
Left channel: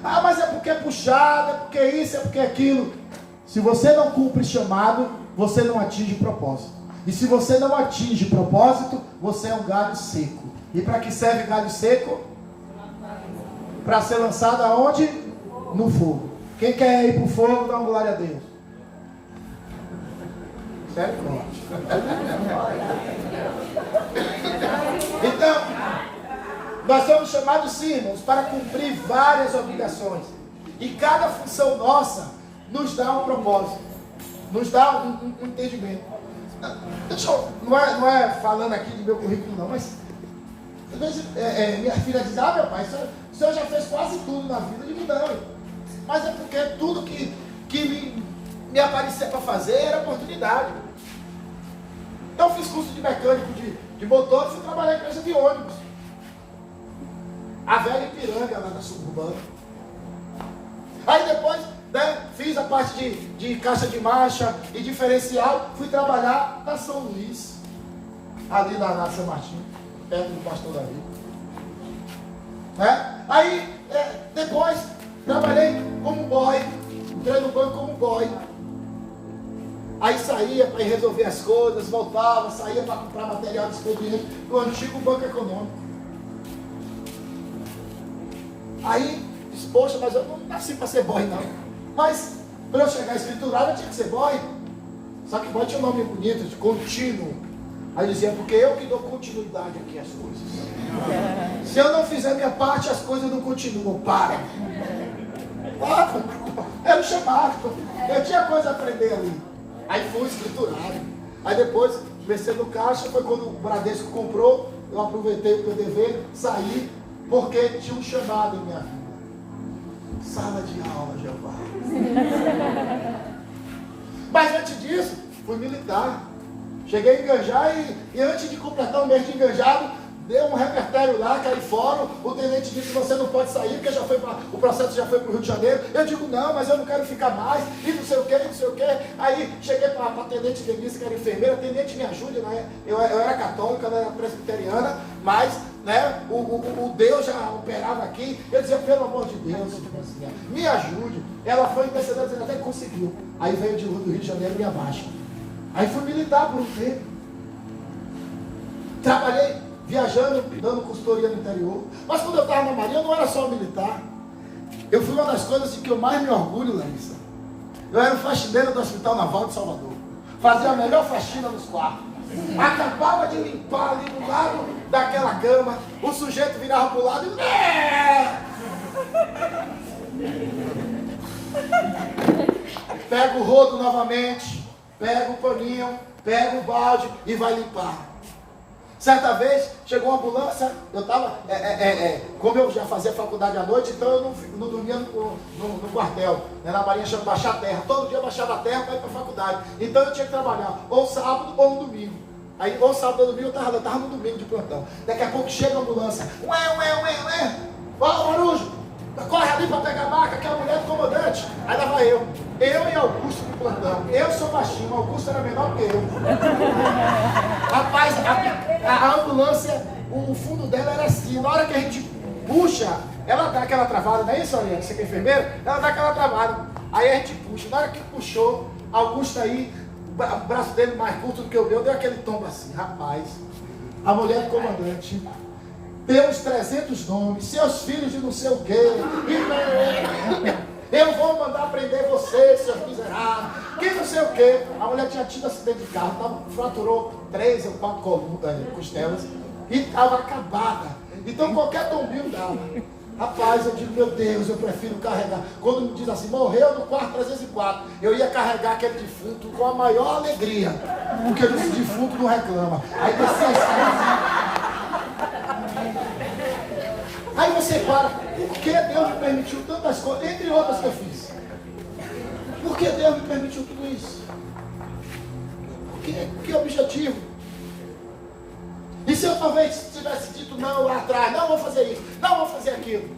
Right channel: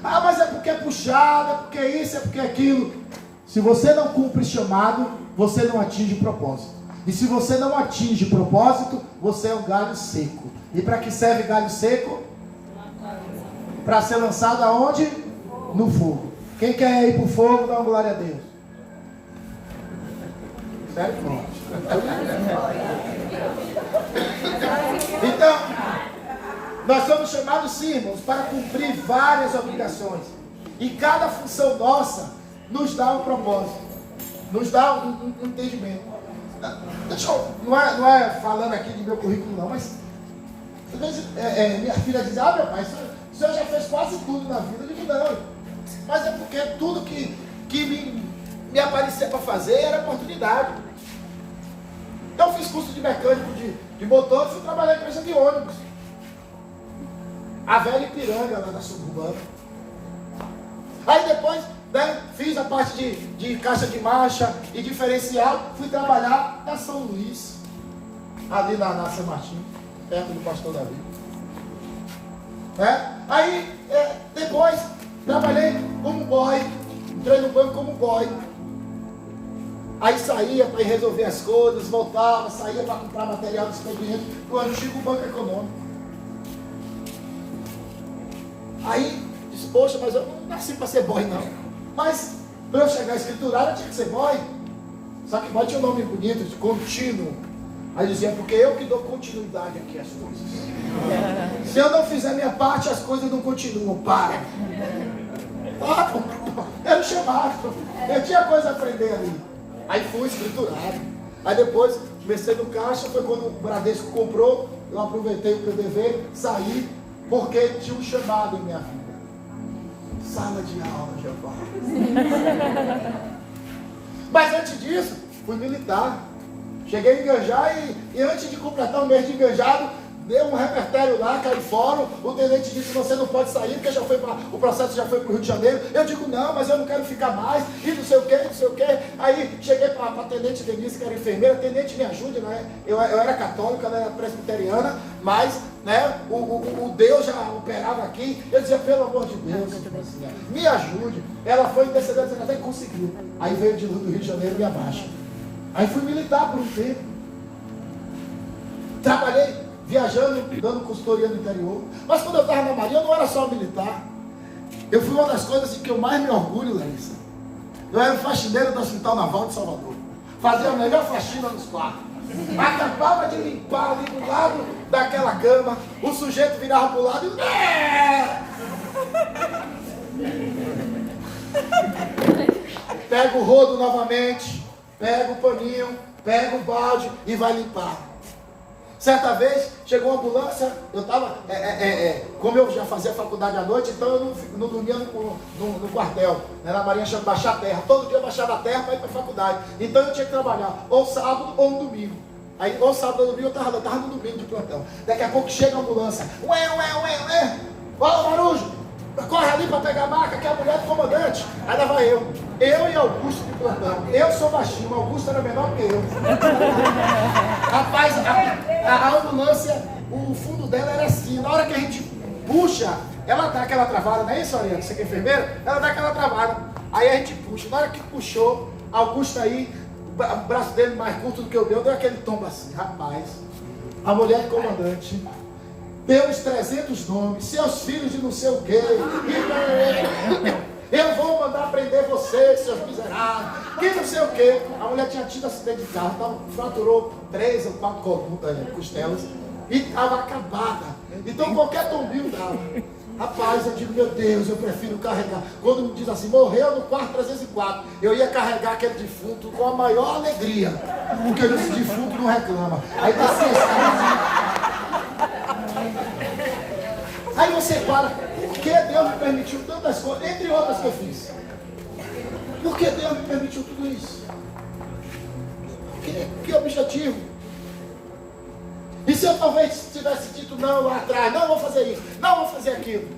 Mas é porque é puxado, é porque isso, é porque aquilo. Se você não cumpre chamado, você não atinge propósito. E se você não atinge propósito, você é um galho seco. E para que serve galho seco? Para ser lançado aonde? No fogo. Quem quer ir para o fogo, dá uma glória a Deus. Sério, forte. Então, nós somos chamados, sim, irmãos, para cumprir várias obrigações. E cada função nossa nos dá um propósito, nos dá um entendimento. Não é falando aqui de meu currículo não, mas às vezes minha filha diz, meu pai, o senhor já fez quase tudo na vida. Eu digo, não, mas é porque tudo que me aparecia para fazer era oportunidade. Então fiz curso de mecânico de motor e fui trabalhar em empresa de ônibus. A velha Ipiranga, lá na suburbana. Aí depois, né, fiz a parte de caixa de marcha e diferencial. Fui trabalhar na São Luís, ali na São Martinho, perto do Pastor Davi. Aí, depois, trabalhei como boy. Entrei no banco como boy. Aí saía para ir resolver as coisas, voltava, saía para comprar material de expediente. Quando chega o banco econômico. Aí, disse, poxa, mas eu não nasci para ser boy, não. Mas, para eu chegar escriturado, eu tinha que ser boy. Só que boy tinha um nome bonito, de contínuo. Aí dizia, porque eu que dou continuidade aqui às coisas. Se eu não fizer minha parte, as coisas não continuam, param. Era o chamado. Eu tinha coisa a aprender ali. Aí fui escriturado. Aí depois, comecei no caixa, foi quando o Bradesco comprou, eu aproveitei o PDV, saí, porque tinha um chamado em minha vida. Sala de aula, Jeová. Mas antes disso, fui militar. Cheguei em Ganjá e antes de completar o mês de enganjado, deu um repertório lá, caí fora. O tenente disse, você não pode sair, porque o processo já foi para o Rio de Janeiro. Eu digo, não, mas eu não quero ficar mais, e não sei o que, não sei o que. Aí cheguei para a tenente Denise, que era enfermeira. Tenente, me ajude, né? Eu era católica, ela era presbiteriana, mas né, o Deus já operava aqui. Eu dizia, pelo amor de Deus, me ajude. Ela foi intercedendo, até que conseguiu. Aí veio do Rio de Janeiro e me abaixa. Aí fui militar por um tempo. Trabalhei viajando, dando consultoria no interior. Mas quando eu estava na Marinha, eu não era só militar. Eu fui uma das coisas de que eu mais me orgulho, Larissa. Eu era o faxineiro do Hospital Naval de Salvador. Fazia a melhor faxina nos quartos. Acabava de limpar ali do lado daquela cama. O sujeito virava para o lado e... Pega o rodo novamente, pega o paninho, pega o balde e vai limpar. Certa vez, chegou uma ambulância, eu estava, como eu já fazia faculdade à noite, então eu não dormia no quartel, né, na Marinha chama baixar a terra. Todo dia eu baixava a terra para ir para a faculdade. Então eu tinha que trabalhar ou sábado ou no domingo. Aí, ou sábado ou domingo, eu estava no domingo de plantão. Daqui a pouco chega a ambulância. Ué. Fala, Marujo, corre ali para pegar a maca, que é a mulher do comandante. Aí lá vai eu e Augusto de plantão. Eu sou baixinho, Augusto era menor que eu. Rapaz, a ambulância, o fundo dela era assim. Na hora que a gente puxa, ela dá aquela travada, não é isso, Ariane? Você que é enfermeira? Ela dá aquela travada. Aí a gente puxa. Na hora que puxou, Augusto aí, o braço dele mais curto do que o meu, deu aquele tombo assim. Rapaz, a mulher do comandante deu uns 300 nomes, seus filhos de não sei o quê. Eu vou mandar prender vocês, seus miseráveis. Que não sei o quê. A mulher tinha tido acidente de carro, fraturou 3 ou 4 costelas e estava acabada. Então qualquer tombinho dava. Rapaz, eu digo, meu Deus, eu prefiro carregar. Quando me diz assim, morreu no quarto 304, eu ia carregar aquele defunto com a maior alegria. Porque esse defunto não reclama. Aí descia assim. Aí você para, por que Deus me permitiu tantas coisas, entre outras que eu fiz? Por que Deus me permitiu tudo isso? Que objetivo? E se eu talvez tivesse dito não lá atrás, não vou fazer isso, não vou fazer aquilo?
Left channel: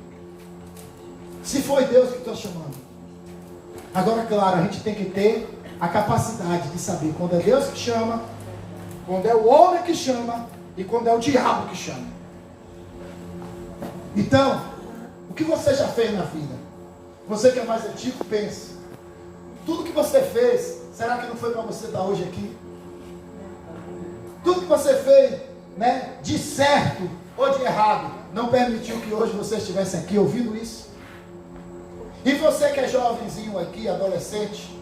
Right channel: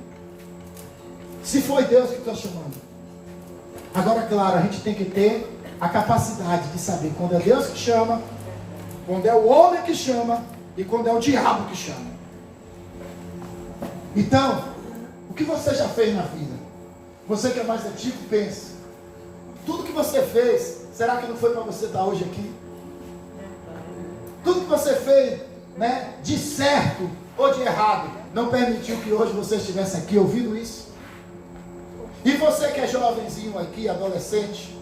Se foi Deus que está chamando. Agora, claro, a gente tem que ter a capacidade de saber quando é Deus que chama, quando é o homem que chama e quando é o diabo que chama. Então, o que você já fez na vida? Você que é mais antigo, pense. Tudo que você fez, será que não foi para você estar hoje aqui? Tudo que você fez, né, de certo ou de errado, não permitiu que hoje você estivesse aqui ouvindo isso? E você que é jovenzinho aqui, adolescente,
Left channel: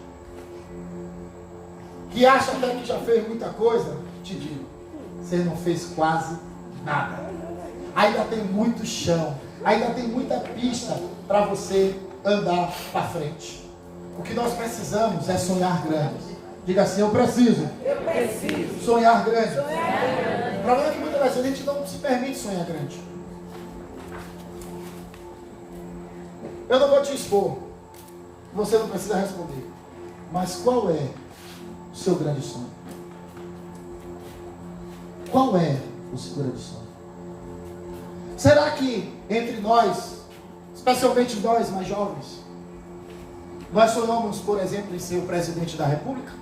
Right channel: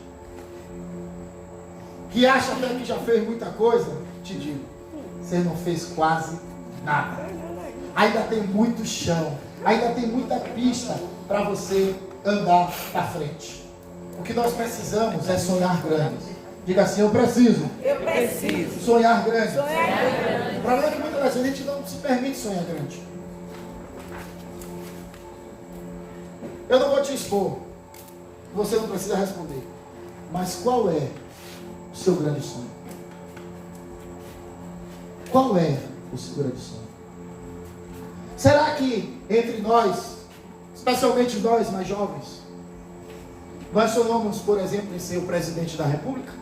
que acha até que já fez muita coisa, te digo, você não fez quase nada. Ainda tem muito chão, ainda tem muita pista para você andar para frente. O que nós precisamos é sonhar grande. Diga assim, eu preciso sonhar grande. O problema é que muitas vezes a gente não se permite sonhar grande. Eu não vou te expor, você não precisa responder. Mas qual é o seu grande sonho? Qual é o seu grande sonho? Será que entre nós, especialmente nós mais jovens, nós sonhamos, por exemplo, em ser o presidente da República?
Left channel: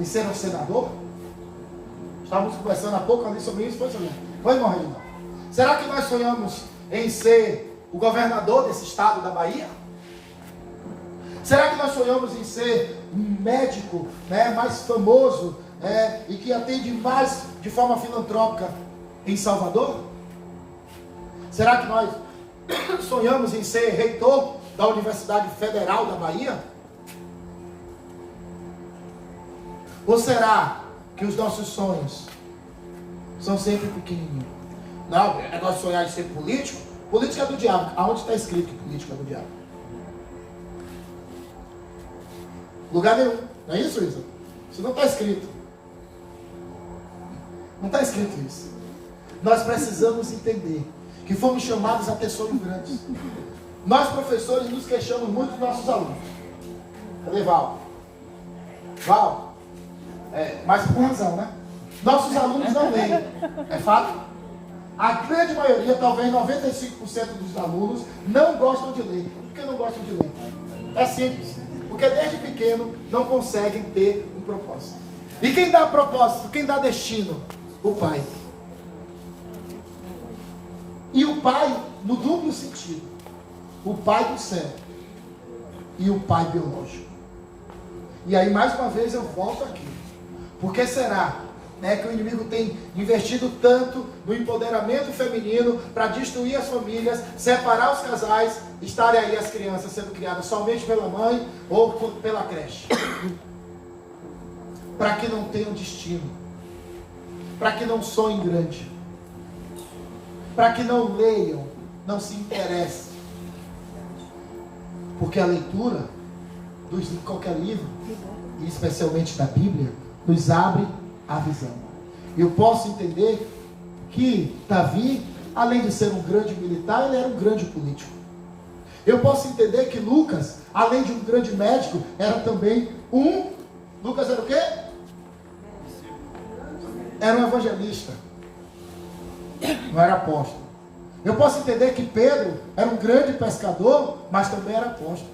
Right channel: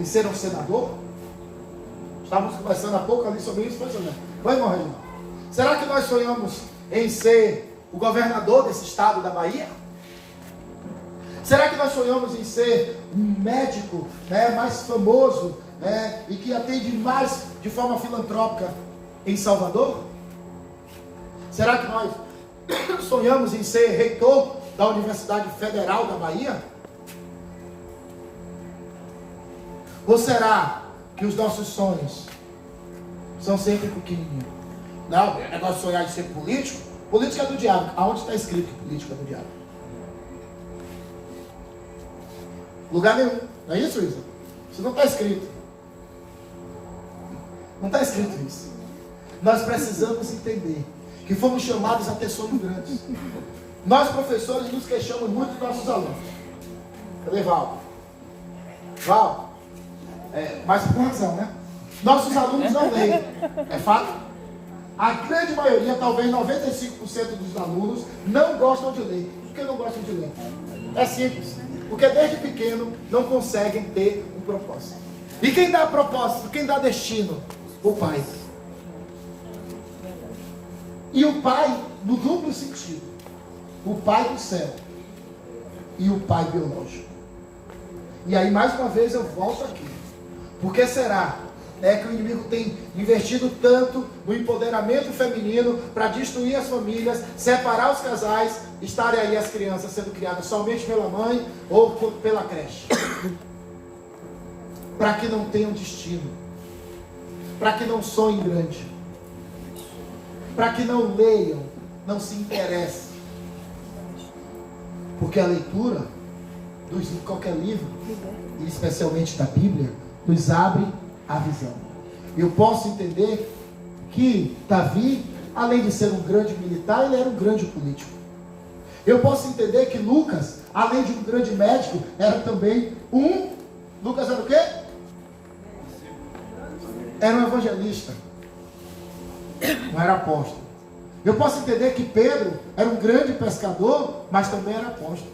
Em ser um senador? Estávamos conversando há pouco ali sobre isso, foi morrer. Será que nós sonhamos em ser o governador desse estado da Bahia? Será que nós sonhamos em ser um médico, mais famoso, e que atende mais de forma filantrópica em Salvador? Será que nós sonhamos em ser reitor da Universidade Federal da Bahia? Ou será que os nossos sonhos são sempre pequenininhos? Não, é negócio de sonhar em ser político. Política é do diabo. Aonde está escrito que política é do diabo? Lugar nenhum. Não é isso, Isa? Isso não está escrito. Não está escrito isso. Nós precisamos entender que fomos chamados a ter sonhos grandes. Nós, professores, nos queixamos muito dos nossos alunos. Cadê Val? Val? Mas por razão, né? Nossos alunos não leem. É fato? A grande maioria, talvez 95% dos alunos, não gostam de ler. Por que não gostam de ler? É simples. Porque desde pequeno não conseguem ter um propósito. E quem dá propósito, quem dá destino? O pai. E o pai, no duplo sentido. O pai do céu e o pai biológico. E aí, mais uma vez, eu volto aqui. Por que será que o inimigo tem investido tanto no empoderamento feminino para destruir as famílias, separar os casais, estarem aí as crianças sendo criadas somente pela mãe ou pela creche? Para que não tenham destino, para que não sonhem grande, para que não leiam, não se interessem. Porque a leitura de qualquer livro, e especialmente da Bíblia, nos abre a visão. Eu posso entender que Davi, além de ser um grande militar, ele era um grande político. Eu posso entender que Lucas, além de um grande médico, era também Lucas era o quê? Era um evangelista. Não era apóstolo. Eu posso entender que Pedro era um grande pescador, mas também era apóstolo.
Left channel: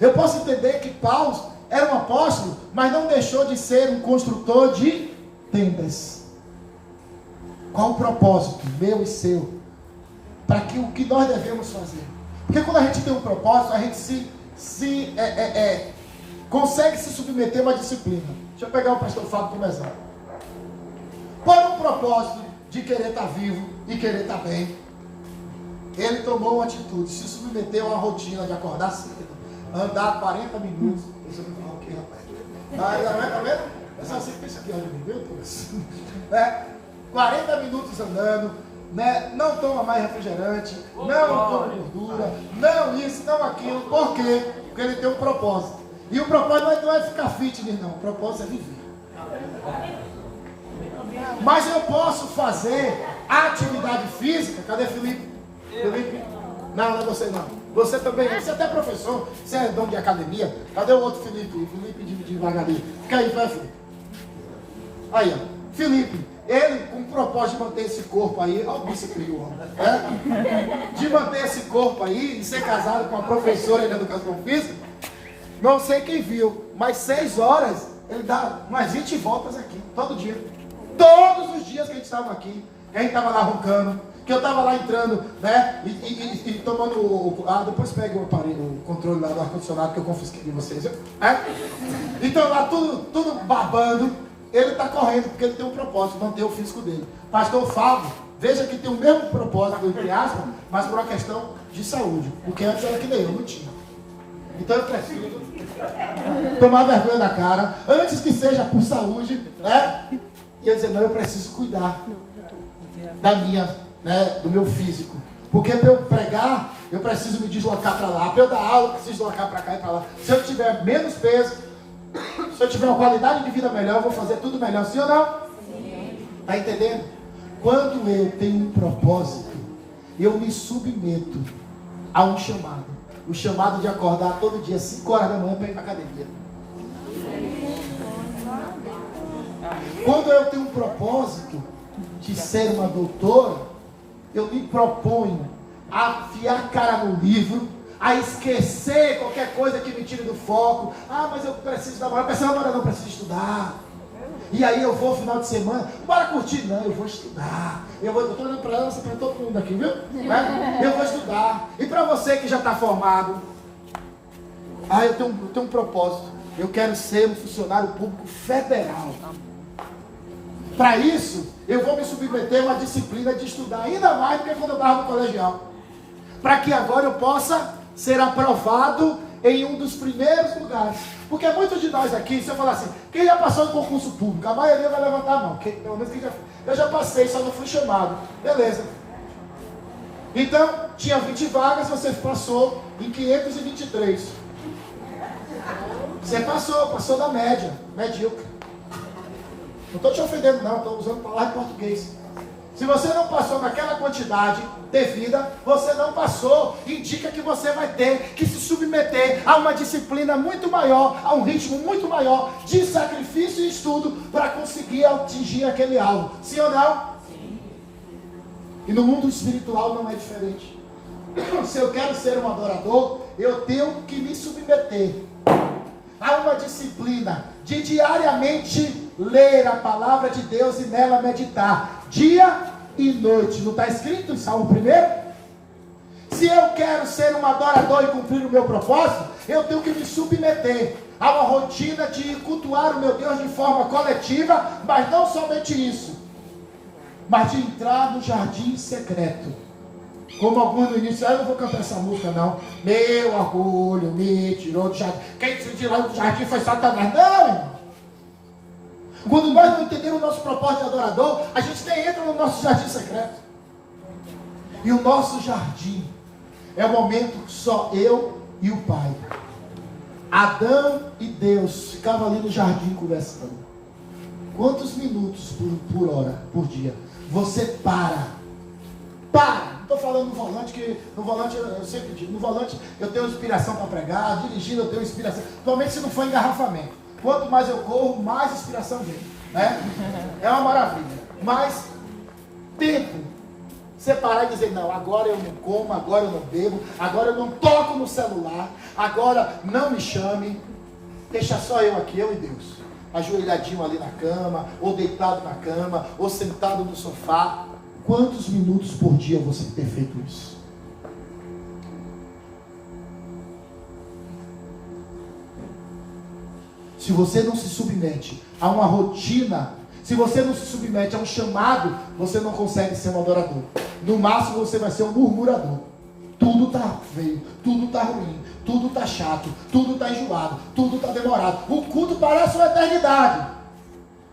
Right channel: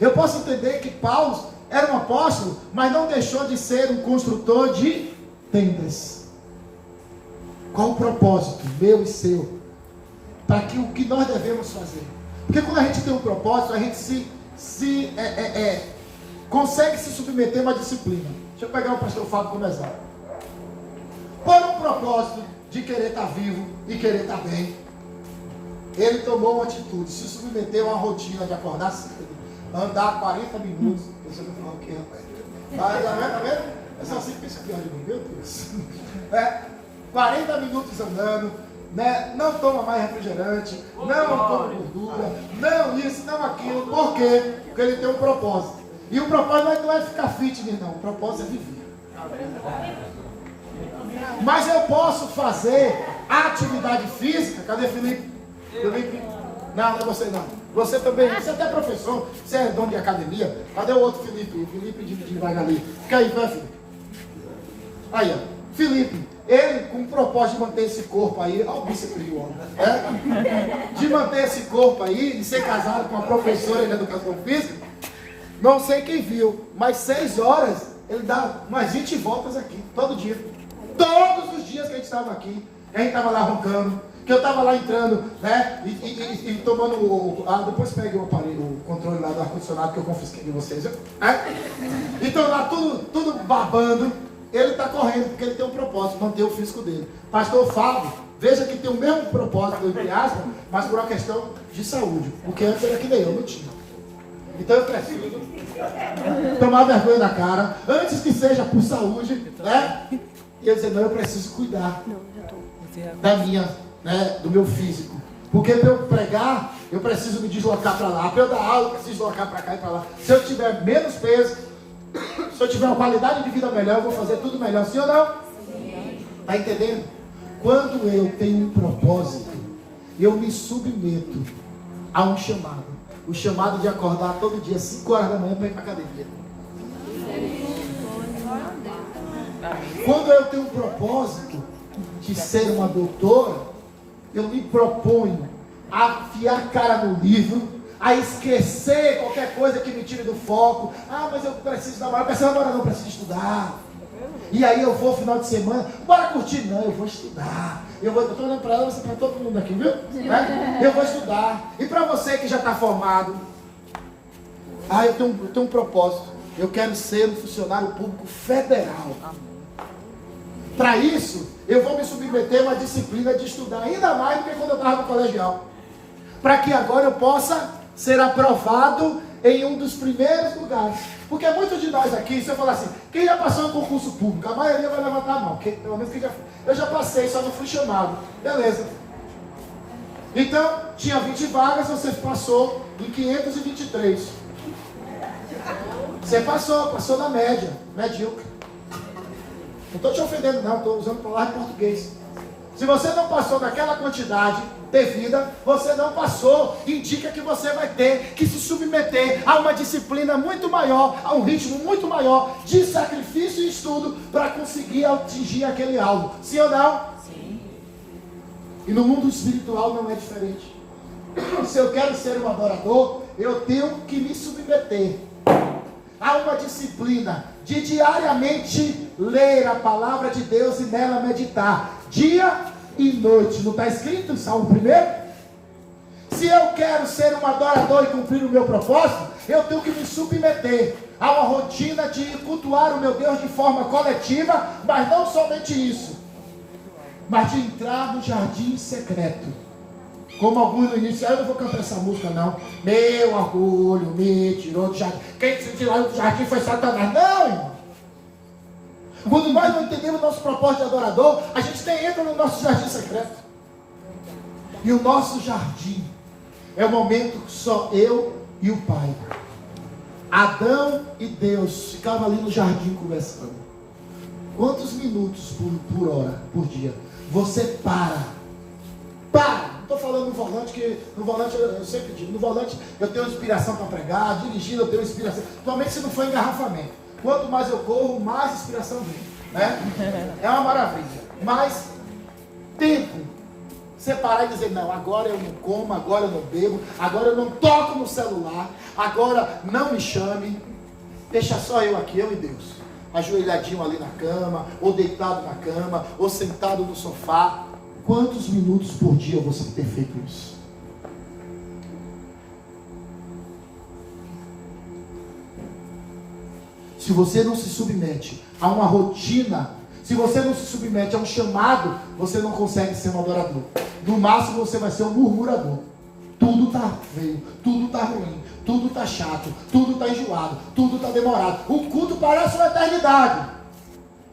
Eu posso entender que Paulo era um apóstolo, mas não deixou de ser um construtor de tendas. Qual o propósito, meu e seu? Para que o que nós devemos fazer? Porque quando a gente tem um propósito, a gente consegue se submeter a uma disciplina. Deixa eu pegar o pastor Fábio como exemplo. Por um propósito de querer estar vivo e querer estar bem, ele tomou uma atitude, se submeteu a uma rotina de acordar cedo, andar 40 minutos. Você vai falar o quê, rapaz? Tá vendo? Essa assim pensa aqui, olha, meu Deus. 40 minutos andando, não toma mais refrigerante, não toma gordura, não isso, não aquilo. Por quê? Porque ele tem um propósito. E o propósito não é ficar fitness, não. O propósito é viver. Mas eu posso fazer atividade física. Cadê Felipe? Felipe? Não é você não. Você também, você é até professor, você é dono de academia. Cadê o outro Felipe? Felipe de Vagali. Fica aí, vai, Felipe. Aí, ó. Felipe, ele com o propósito de manter esse corpo aí, olha o bíceps do homem, de manter esse corpo aí e ser casado com uma professora de educação física, não sei quem viu, mas 6 horas ele dá umas 20 voltas aqui, todo dia. Todos os dias que a gente estava aqui, que a gente estava lá roncando, que eu estava lá entrando, e tomando depois pegue o aparelho, o controle lá do ar-condicionado que eu confisquei de vocês, então lá tudo babando. Ele está correndo porque ele tem um propósito, manter o físico dele. Pastor Fábio, veja que tem o mesmo propósito, entre aspas, mas por uma questão de saúde. Porque antes era que nem eu, não tinha. Então eu preciso tomar vergonha na cara, antes que seja por saúde, E eu dizer, não, eu preciso cuidar da minha, do meu físico. Porque para eu pregar, eu preciso me deslocar para lá. Para eu dar aula, eu preciso deslocar para cá e para lá. Se eu tiver menos peso, se eu tiver uma qualidade de vida melhor, eu vou fazer tudo melhor, sim ou não? Sim. Está entendendo? Quando eu tenho um propósito, eu me submeto a um chamado. O chamado de acordar todo dia, 5 horas da manhã, para ir para a academia. Quando eu tenho um propósito, de ser uma doutora, eu me proponho a afiar a cara no livro, a esquecer qualquer coisa que me tire do foco. Ah, mas eu preciso namorar. Preciso namorar, não, preciso estudar. E aí eu vou final de semana, bora curtir? Não, eu vou estudar. Eu estou olhando para ela, você para todo mundo aqui, viu? Eu vou estudar. E para você que já está formado, eu tenho um propósito. Eu quero ser um funcionário público federal. Para isso, eu vou me submeter a uma disciplina de estudar ainda mais do que quando eu estava no colegial. Para que agora eu possa ser aprovado em um dos primeiros lugares. Porque muitos de nós aqui, se eu falar assim, quem já passou em concurso público? A maioria vai levantar a mão. Pelo menos eu já passei, só não fui chamado. Beleza. Então, tinha 20 vagas, você passou em 523. Você passou da média, medíocre. Não estou te ofendendo não, estou usando palavra em português. Se você não passou naquela quantidade devida, você não passou, indica que você vai ter que se submeter a uma disciplina muito maior, a um ritmo muito maior de sacrifício e estudo para conseguir atingir aquele alvo. Sim ou não? Sim. E no mundo espiritual não é diferente. Se eu quero ser um adorador, eu tenho que me submeter a uma disciplina de diariamente ler a palavra de Deus e nela meditar, dia e noite. Não está escrito em Salmo 1? Se eu quero ser um adorador e cumprir o meu propósito, eu tenho que me submeter a uma rotina de cultuar o meu Deus de forma coletiva, mas não somente isso, mas de entrar no jardim secreto. Como alguns no início, eu não vou cantar essa música não. Meu orgulho me tirou do jardim. Quem se tirou do jardim foi Satanás. Não, irmão. Quando nós não entendemos o nosso propósito de adorador, a gente nem entra no nosso jardim secreto. E o nosso jardim é o momento que só eu e o Pai. Adão e Deus ficavam ali no jardim conversando. Quantos minutos por hora, por dia, você para? Não estou falando no volante, que no volante eu sempre digo, no volante eu tenho inspiração para pregar, dirigindo eu tenho inspiração, principalmente se não for engarrafamento. Quanto mais eu corro, mais inspiração vem, né? É uma maravilha. Mas tempo, você parar e dizer, não, agora eu não como, agora eu não bebo, agora eu não toco no celular, agora não me chame, deixa só eu aqui, eu e Deus, ajoelhadinho ali na cama, ou deitado na cama, ou sentado no sofá. Quantos minutos por dia você tem feito isso? Se você não se submete a uma rotina, se você não se submete a um chamado, você não consegue ser um adorador. No máximo você vai ser um murmurador. Tudo está feio, tudo está ruim, tudo está chato, tudo está enjoado, tudo está demorado. O culto parece uma eternidade.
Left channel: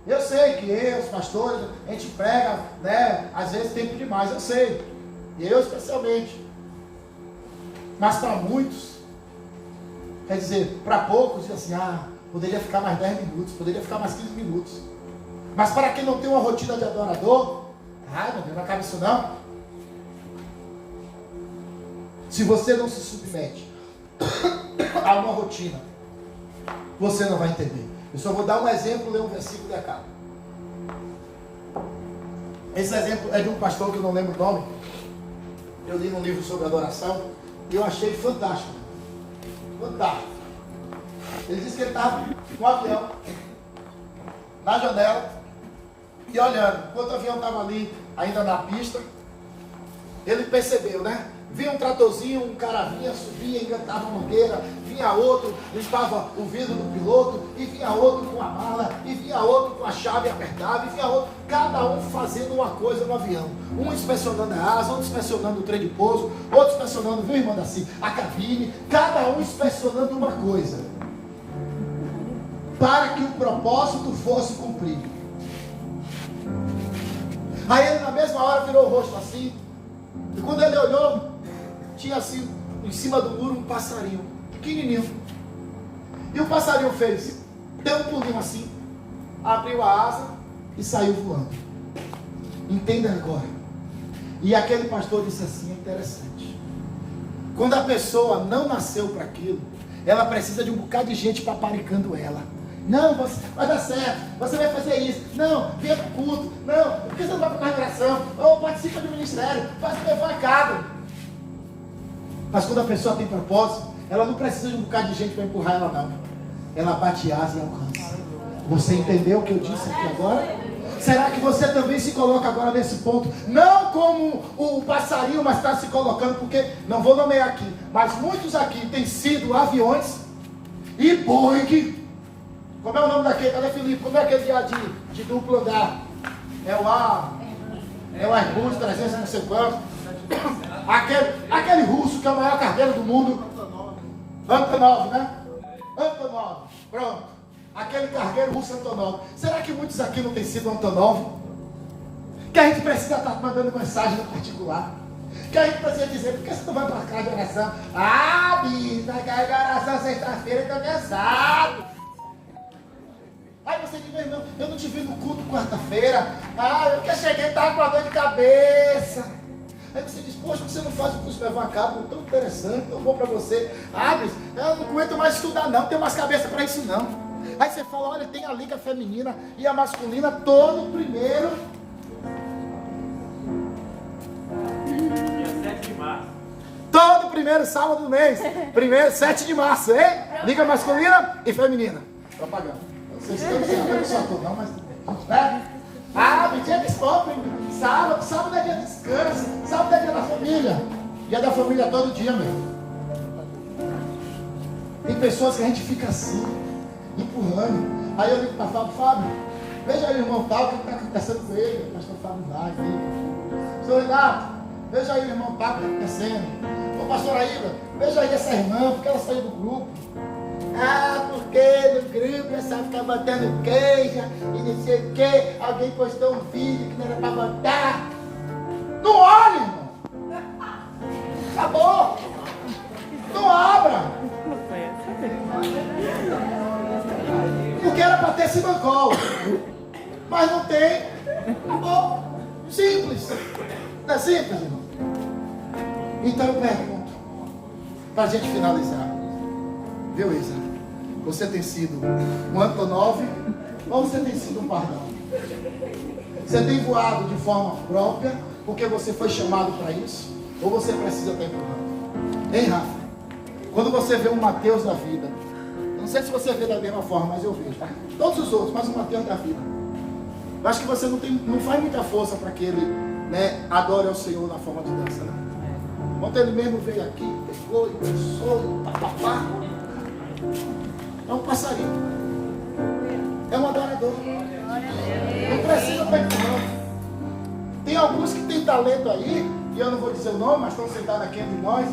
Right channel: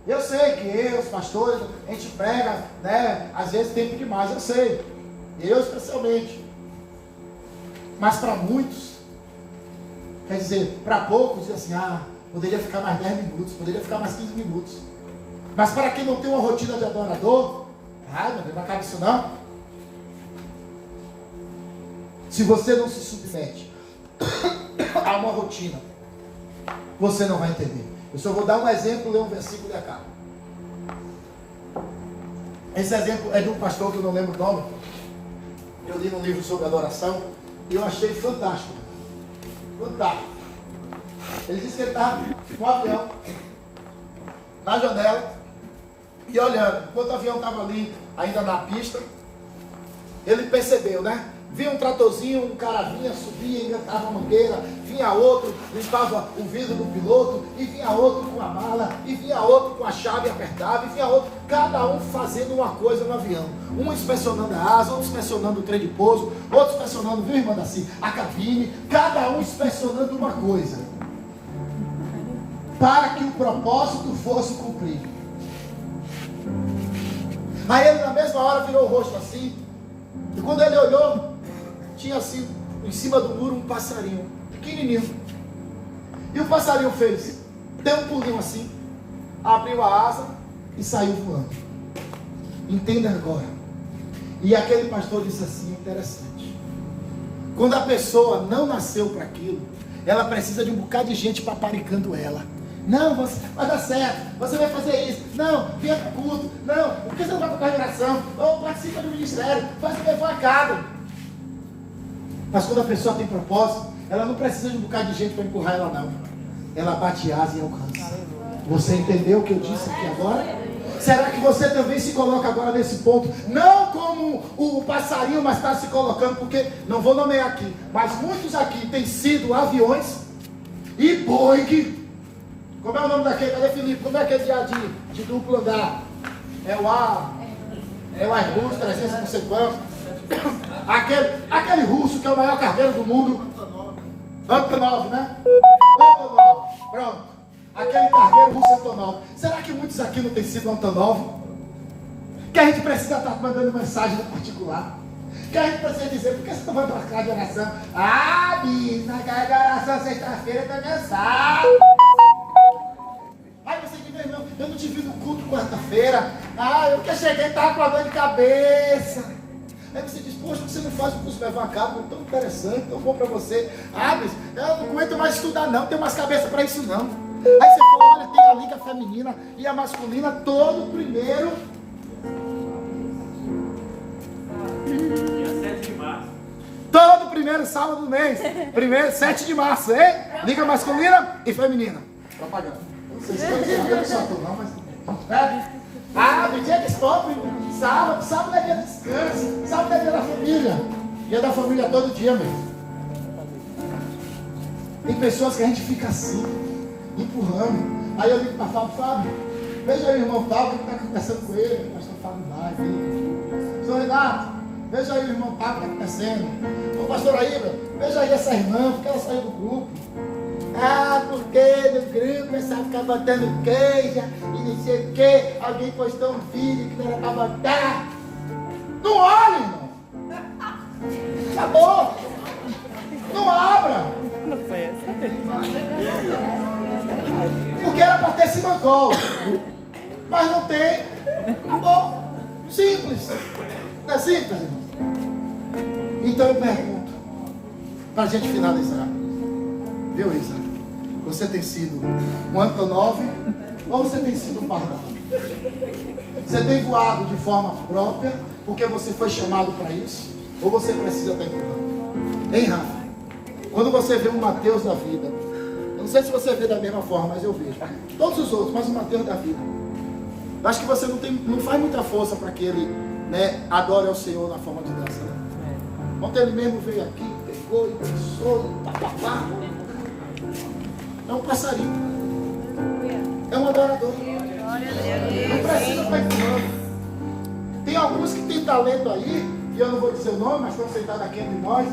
Eu sei que os pastores, a gente prega, né, às vezes tempo demais, eu sei. Eu especialmente. Mas para muitos, quer dizer, para poucos, diz assim, poderia ficar mais 10 minutos, poderia ficar mais 15 minutos. Mas para quem não tem uma rotina de adorador, meu Deus, não acaba isso não. Se você não se submete a uma rotina, você não vai entender. Eu só vou dar um exemplo, ler um versículo e acabo. Esse exemplo é de um pastor que eu não lembro o nome. Eu li num livro sobre adoração e eu achei fantástico. Fantástico. Ele disse que ele estava com um avião na janela e olhando. Enquanto o avião estava ali, ainda na pista, ele percebeu, né? Vinha um tratorzinho, um cara vinha, subia, engantava a mangueira, vinha outro, limpava o vidro do piloto, e vinha outro com a mala, e vinha outro com a chave apertada, e vinha outro, cada um fazendo uma coisa no avião. Um inspecionando a asa, outro inspecionando o trem de pouso, outro inspecionando, viu, irmã Daci, a cabine, cada um inspecionando uma coisa, para que o propósito fosse cumprido. Aí ele na mesma hora virou o rosto assim, e quando ele olhou, tinha assim, em cima do muro, um passarinho, pequenininho. E o passarinho deu um pulinho assim, abriu a asa e saiu voando. Entenda agora. E aquele pastor disse assim, interessante. Quando a pessoa não nasceu para aquilo, ela precisa de um bocado de gente paparicando ela. Não, você vai dar certo, você vai fazer isso. Não, venha para o culto. Não, por que você não vai para a oração? Ou participa do ministério, faz o levacado. Mas quando a pessoa tem propósito, ela não precisa de um bocado de gente para empurrar ela, não. Ela bate asa e alcança. Você entendeu o que eu disse aqui agora? Será que você também se coloca agora nesse ponto? Não como o passarinho, mas está se colocando, porque, não vou nomear aqui, mas muitos aqui têm sido aviões e Boeing. Como é o nome daquele? Cadê Felipe? Como é aquele de duplo andar? É o Airbus 300, não sei quanto. Aquele russo que é o maior cargueiro do mundo. Antonov, né? Antonov, pronto. Aquele cargueiro russo Antonov. Será que muitos aqui não têm sido Antonov? Que a gente precisa estar mandando mensagem no particular. Que a gente precisa dizer, por que você não vai para casa de oração? Ah, bicho, na casa de oração sexta-feira eu tô cansado. Aí você diz, meu irmão, eu não te vi no culto quarta-feira. Ah, eu que cheguei e estava com a dor de cabeça. Aí você diz, poxa, você não faz o curso levar a cabo, tão interessante, tão bom para você. Ah, mas eu não aguento mais estudar não, tenho mais cabeça para isso não. Aí você fala, olha, tem a liga feminina e a masculina todo primeiro. Dia 7 de março. Todo primeiro sábado do mês. Primeiro, 7 de março, hein? Liga masculina e feminina. Propaganda. Não sei se eu sou não, mas... Ah, dia de stop, sábado é dia de descanso, sábado é dia da família. Dia da família todo dia mesmo. Tem pessoas que a gente fica assim, empurrando. Aí eu ligo para Fábio, veja aí o irmão Paulo, o que está acontecendo com ele. O pastor Fábio vai, viu? Senhor Renato, veja aí o irmão Paulo, o que está acontecendo. Ô pastor Aíba, veja aí essa irmã, porque ela saiu do grupo. Ah, porque no grupo essa ficar botando queijo e não sei o que. Alguém postou um vídeo que não era para botar. Não olhe, irmão. Acabou. Não abra. Porque era para ter Simancol. Mas não tem. Acabou. Simples. Não é simples, irmão? Então eu pergunto, para a gente finalizar. Viu, Isa? Você tem sido um Antonov ou você tem sido um pardal? Você tem voado de forma própria porque você foi chamado para isso? Ou você precisa estar empurrando? Hein, Rafa? Quando você vê um Mateus da vida, não sei se você vê da mesma forma, mas eu vejo. Todos os outros, mas o Mateus da vida. Eu acho que você não faz muita força para que ele, né, adore ao Senhor na forma de dança, né? Ontem ele mesmo veio aqui, pegou e dançou, papapá. É um passarinho. É um adorador. Não precisa estar empurrando. Tem alguns que têm talento aí, e eu não vou dizer o nome, mas estão sentados aqui entre nós,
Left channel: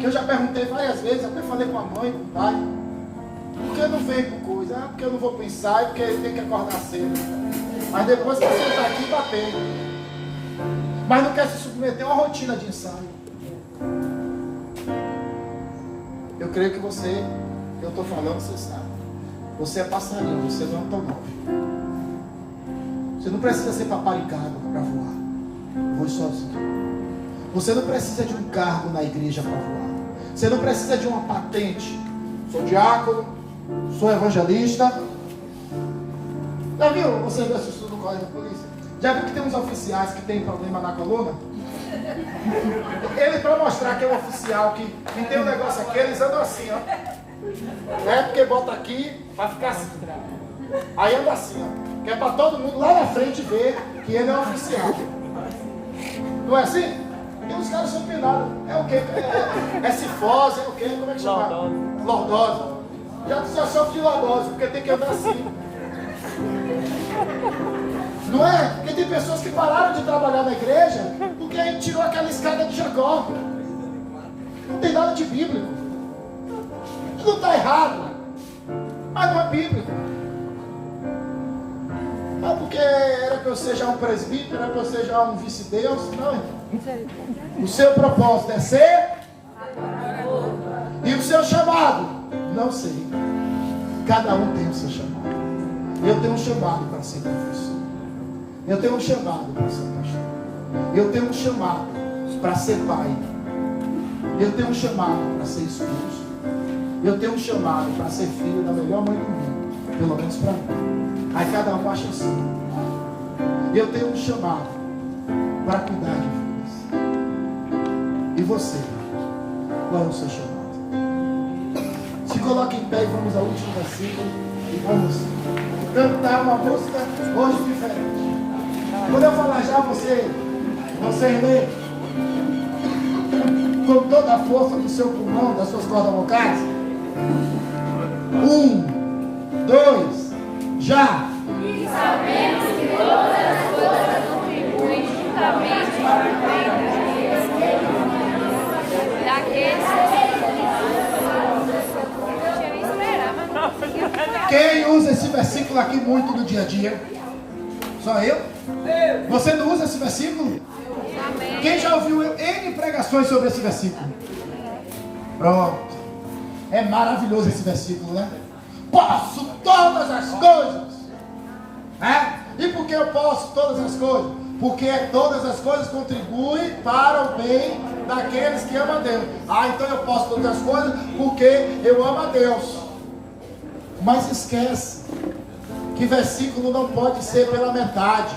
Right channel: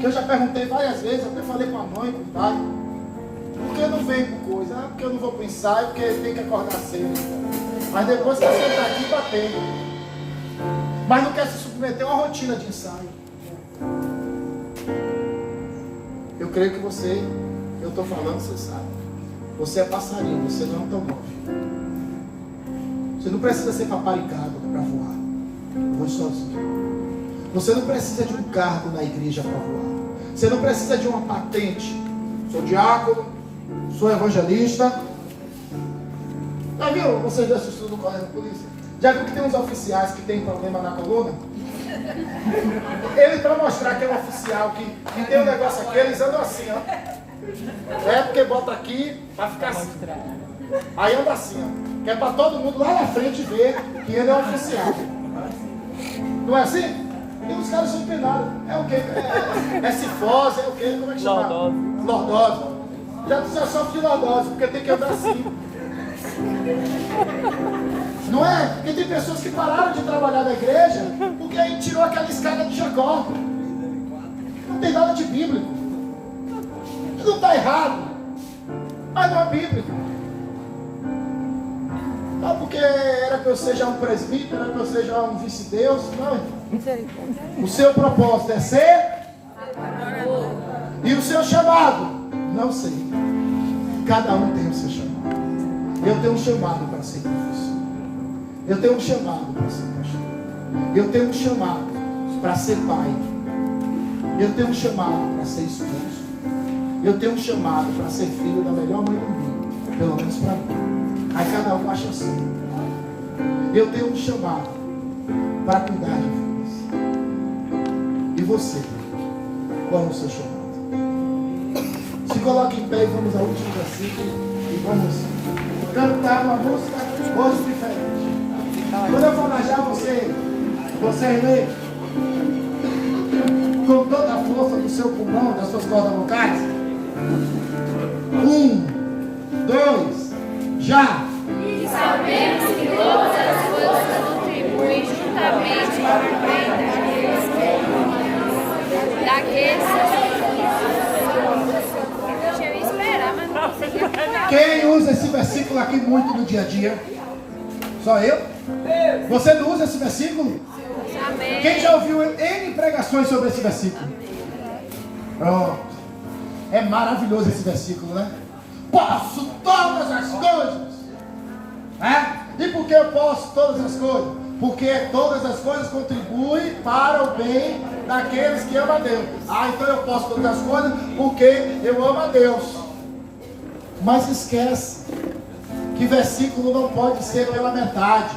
que eu já perguntei várias vezes, até falei com a mãe, com o pai, por que não vem com coisa? Ah, porque eu não vou para o ensaio, porque ele tem que acordar cedo. Mas depois você está aqui batendo. Mas não quer se submeter a uma rotina de ensaio. Eu creio que você... Eu estou falando, você sabe. Você é passarinho, você não é um automóvel. Você não precisa ser paparicado para voar. Voe sozinho. Você não precisa de um cargo na igreja para voar. Você não precisa de uma patente. Sou diácono, sou evangelista. Já viu? Você viu esse estudo do colégio da polícia? Já viu que tem uns oficiais que tem problema na coluna? Ele, para mostrar que é um oficial, que tem um negócio aqui, eles andam assim, ó. É porque bota aqui para ficar assim. Aí anda assim, ó. Que é para todo mundo lá na frente ver que ele é um oficial. Não é assim? E os caras são empinados. É o quê? É cifose, é o quê? Como é que chama? Lordose. Já sofre de lordose, porque tem que andar assim. Não é? Porque tem pessoas que pararam de trabalhar na igreja porque ele tirou aquela escada de Jacó. Não tem nada de bíblico. Não está errado, mas não é bíblico. Não é porque era que eu seja um presbítero, era que eu seja um vice-deus. Não. O seu propósito é ser e o seu chamado, não sei. Cada um tem o seu chamado. Eu tenho um chamado para ser professor. Eu tenho um chamado para ser pastor. Eu tenho um chamado para ser pai. Eu tenho um chamado para ser esposo. Eu tenho um chamado para ser filho da melhor mãe do mundo. Pelo menos para mim. Aí cada um acha assim. Eu tenho um chamado para cuidar de vidas. E você? Qual é o seu chamado? Se coloque em pé e vamos ao último versículo. E vamos cantar uma música hoje diferente. Quando eu falar já, você lê com toda a força do seu pulmão, das suas cordas vocais. 1, 2, já! E sabemos que todas as coisas contribuem juntamente para o bem daqueles que eu esperava, mas não conseguia. Quem usa esse versículo aqui muito no dia a dia? Só eu? Você não usa esse versículo? Amém. Quem já ouviu N pregações sobre esse versículo? Pronto. É maravilhoso esse versículo, né? Posso todas as coisas. E por que eu posso todas as coisas? Porque todas as coisas contribuem para o bem daqueles que amam a Deus. Então eu posso todas as coisas porque eu amo a Deus. Mas esquece que versículo não pode ser pela metade.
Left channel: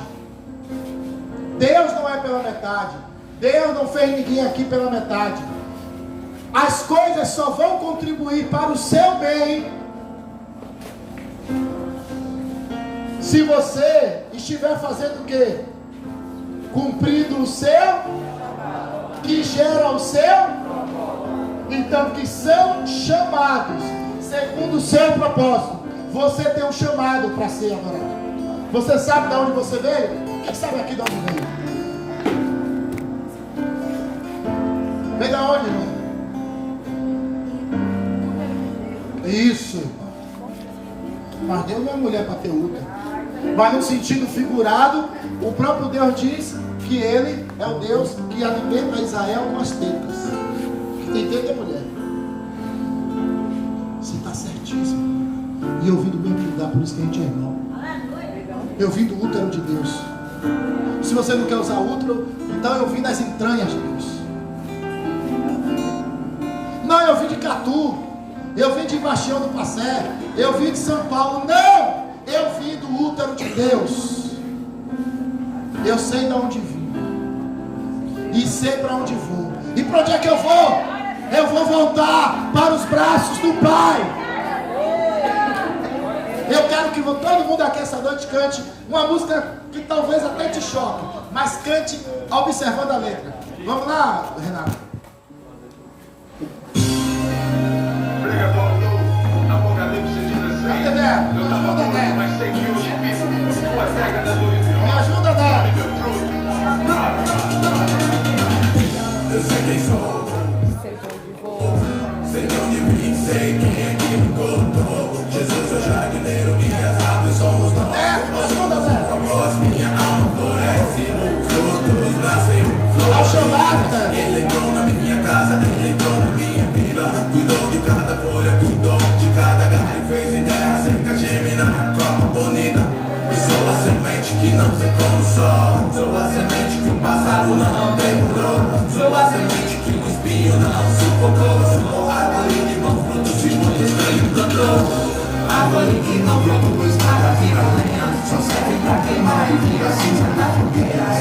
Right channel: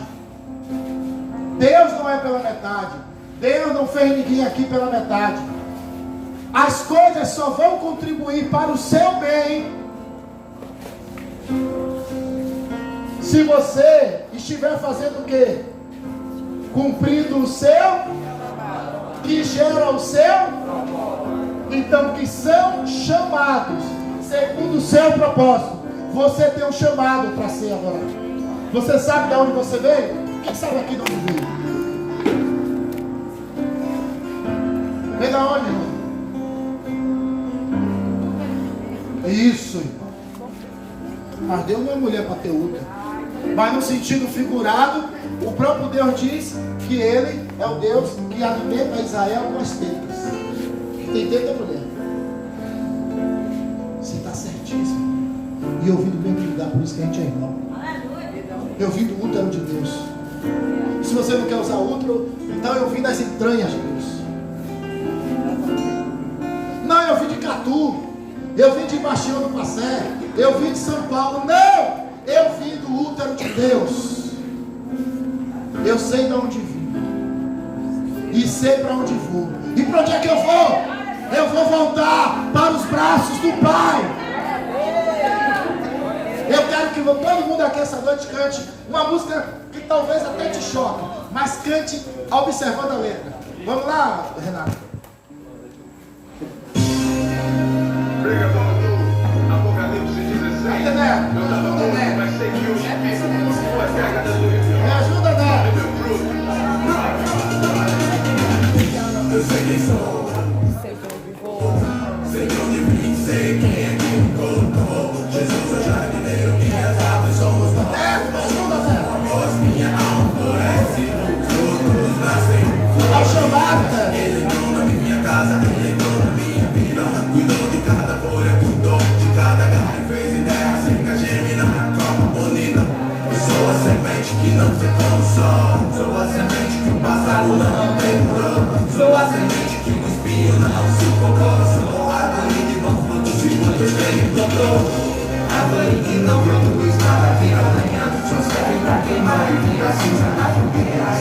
Deus não é pela metade. Deus não fez ninguém aqui pela metade. As coisas só vão contribuir para o seu bem se você estiver fazendo o quê? Cumprindo o seu, que gera o seu. Então, que são chamados segundo o seu propósito. Você tem um chamado para ser adorado. Você sabe de onde você veio? Quem sabe aqui de onde veio? Vem da onde, irmão? Isso, irmão. Mas Deus não é mulher para ter útero. Mas no sentido figurado, o próprio Deus diz que Ele é o Deus que alimenta Israel com as tetas. Tem teta, mulher? Você está certíssimo. E eu vim do mesmo lugar, por isso que a gente é irmão. Eu vim do útero de Deus. Se você não quer usar útero, então eu vim das entranhas de Deus. Não, eu vim de Catu. Eu vim de Bastião do Passé. Eu vim de São Paulo. Não! Eu vim do útero de Deus. Eu sei de onde vim. E sei para onde vou. E para onde é que eu vou? Eu vou voltar para os braços do Pai. Eu quero que todo mundo aqui essa noite cante uma música que talvez até te choque, mas cante observando a letra. Vamos lá, Renato. Cadê Neto? Me ajuda, Neto. Me ajuda, Neto. Eu sei quem sou. Sei de onde vou. Sei de onde vim. Sei quem é que me colocou. Jesus é jardineiro, minhas árvores somos nós. Neto, me ajuda, Neto. A voz minha alma floresce. Todos nascem. Ao chamado, Neto. Ele entrou na minha casa, ele entrou na minha vida. Cuidou de cada folha, cuidou de cada galho. Fez ideia seca, germinar, tropa bonita. E sou a semente que não se consome. Sou a semente que o passado não demorou. Sou a semente que o espinho não sufocou. Sou a árvore que não produziu, onde ele plantou. Árvore que não produz nada, vira lenha. Só serve pra queimar e vira cinza na fogueira.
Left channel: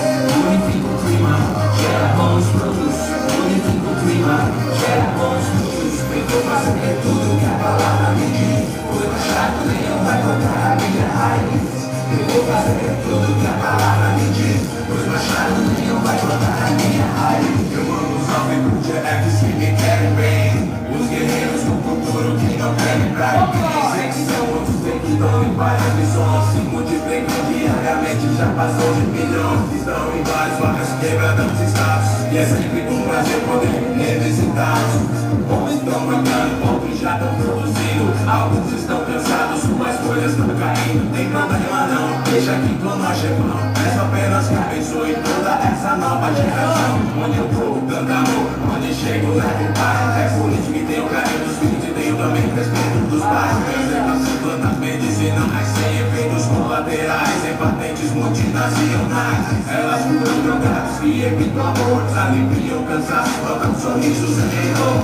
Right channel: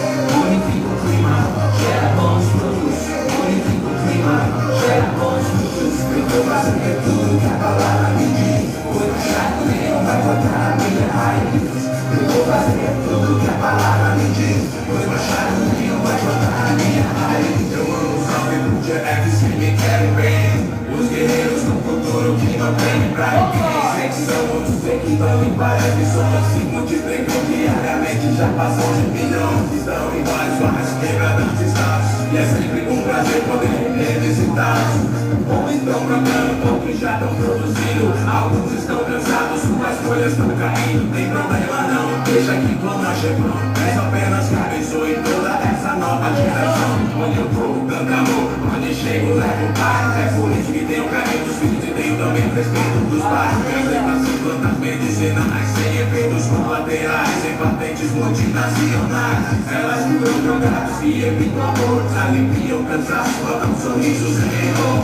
Unifica o clima, gera bons frutos. Unifica o clima, gera bons frutos. Eu vou fazer tudo que a palavra me diz. Vou deixar o leão, vai voltar a minha raiz. Eu vou fazer tudo que a palavra me diz. Vou baixar o leão, vai voltar a minha raiz. Eu amo os homens gerais que me querem bem. Os guerreiros no futuro que não tem pra ninguém. Sei que são outros, sei que estão em várias missões. Se multiplicam diariamente, já passou de milhões. Estão em vários bairros, quebrando estados. E é sempre um prazer poder revisitá-los. Bons estão plantando, outros já estão produzindo. Alguns estão cansados, suas folhas estão caindo. Tem problema não, deixa que clonagem é bom. Peço apenas que abençoe toda essa nova geração. Onde eu vou, planta amor, onde chego, levo paz. É por isso que tenho carinho dos filhos e tenho também respeito dos pais. Preservação de plantas medicinais, sem efeitos colaterais, sem patentes multinacionais. Elas curam plantas que evitam amor, aliviam cansaço, botam sorrisos em dor.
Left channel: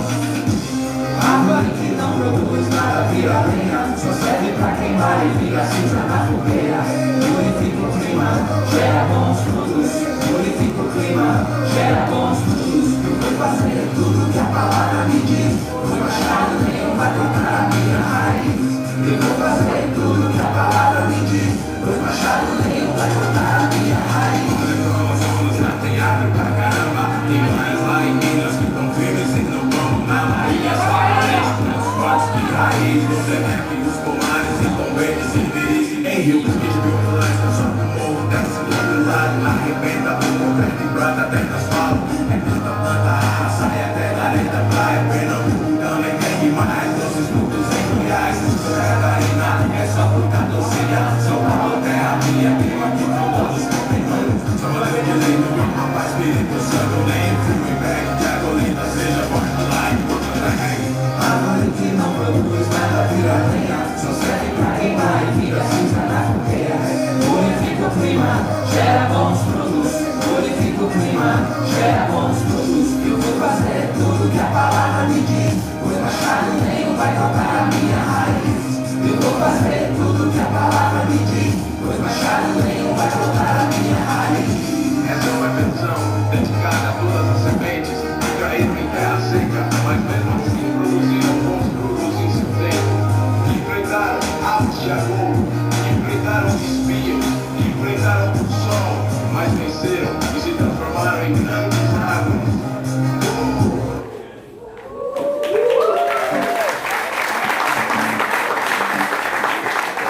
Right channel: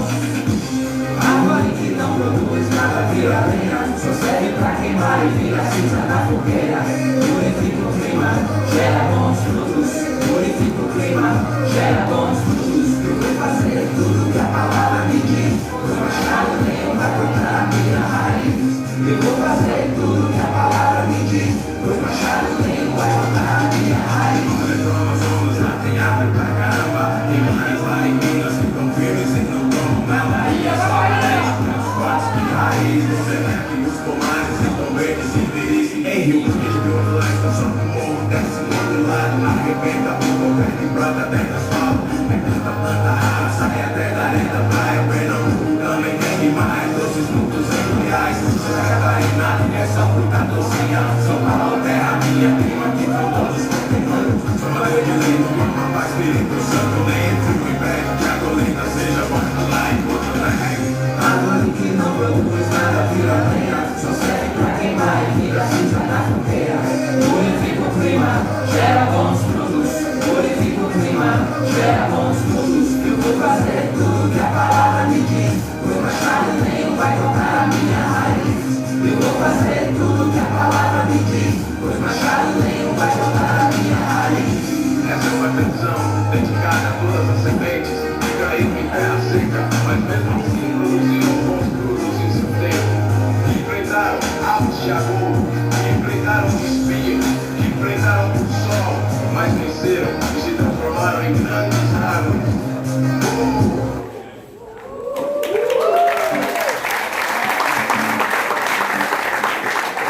Árvore que não produz nada, vira lenha. Só serve pra queimar e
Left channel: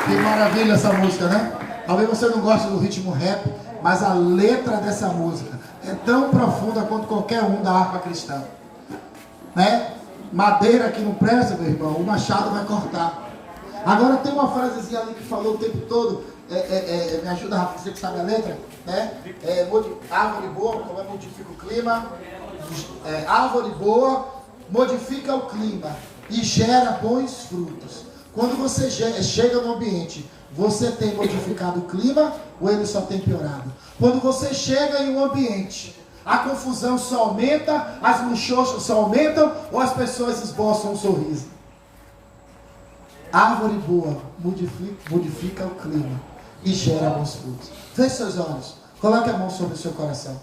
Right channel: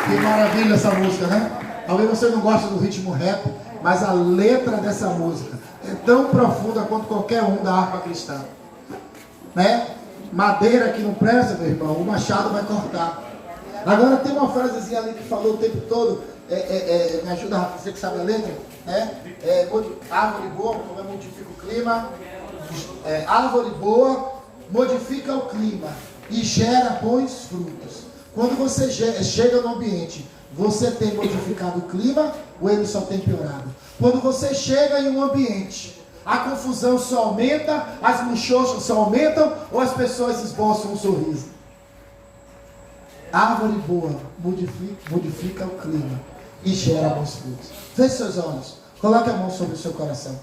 Que maravilha essa música, né? Talvez você não goste do ritmo rap, mas a letra dessa música é tão profunda quanto qualquer um da harpa cristã, né? Madeira que não presta, meu irmão, o machado vai cortar. Agora tem uma frasezinha ali que falou o tempo todo, me ajuda, Rafa, você que sabe a letra, né? Árvore boa, como é, modifica o clima. Árvore boa modifica o clima e gera bons frutos. Quando você chega no ambiente, você tem modificado o clima ou ele só tem piorado? Quando você chega em um ambiente, a confusão só aumenta, as muxoxas só aumentam ou as pessoas esboçam um sorriso? Árvore boa modifica o clima e gera bons frutos. Feche seus olhos, coloque a mão sobre o seu coração.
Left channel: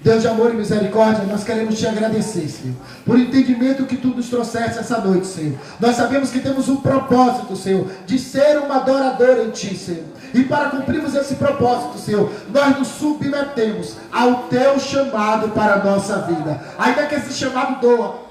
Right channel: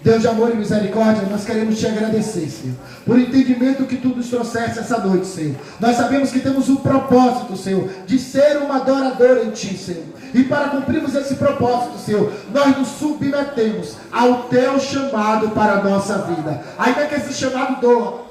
Deus de amor e misericórdia, nós queremos te agradecer, Senhor, por o entendimento que tu nos trouxeste essa noite, Senhor. Nós sabemos que temos um propósito, Senhor, de ser um adorador em ti, Senhor. E para cumprirmos esse propósito, Senhor, nós nos submetemos ao teu chamado para a nossa vida. Ainda que esse chamado doa,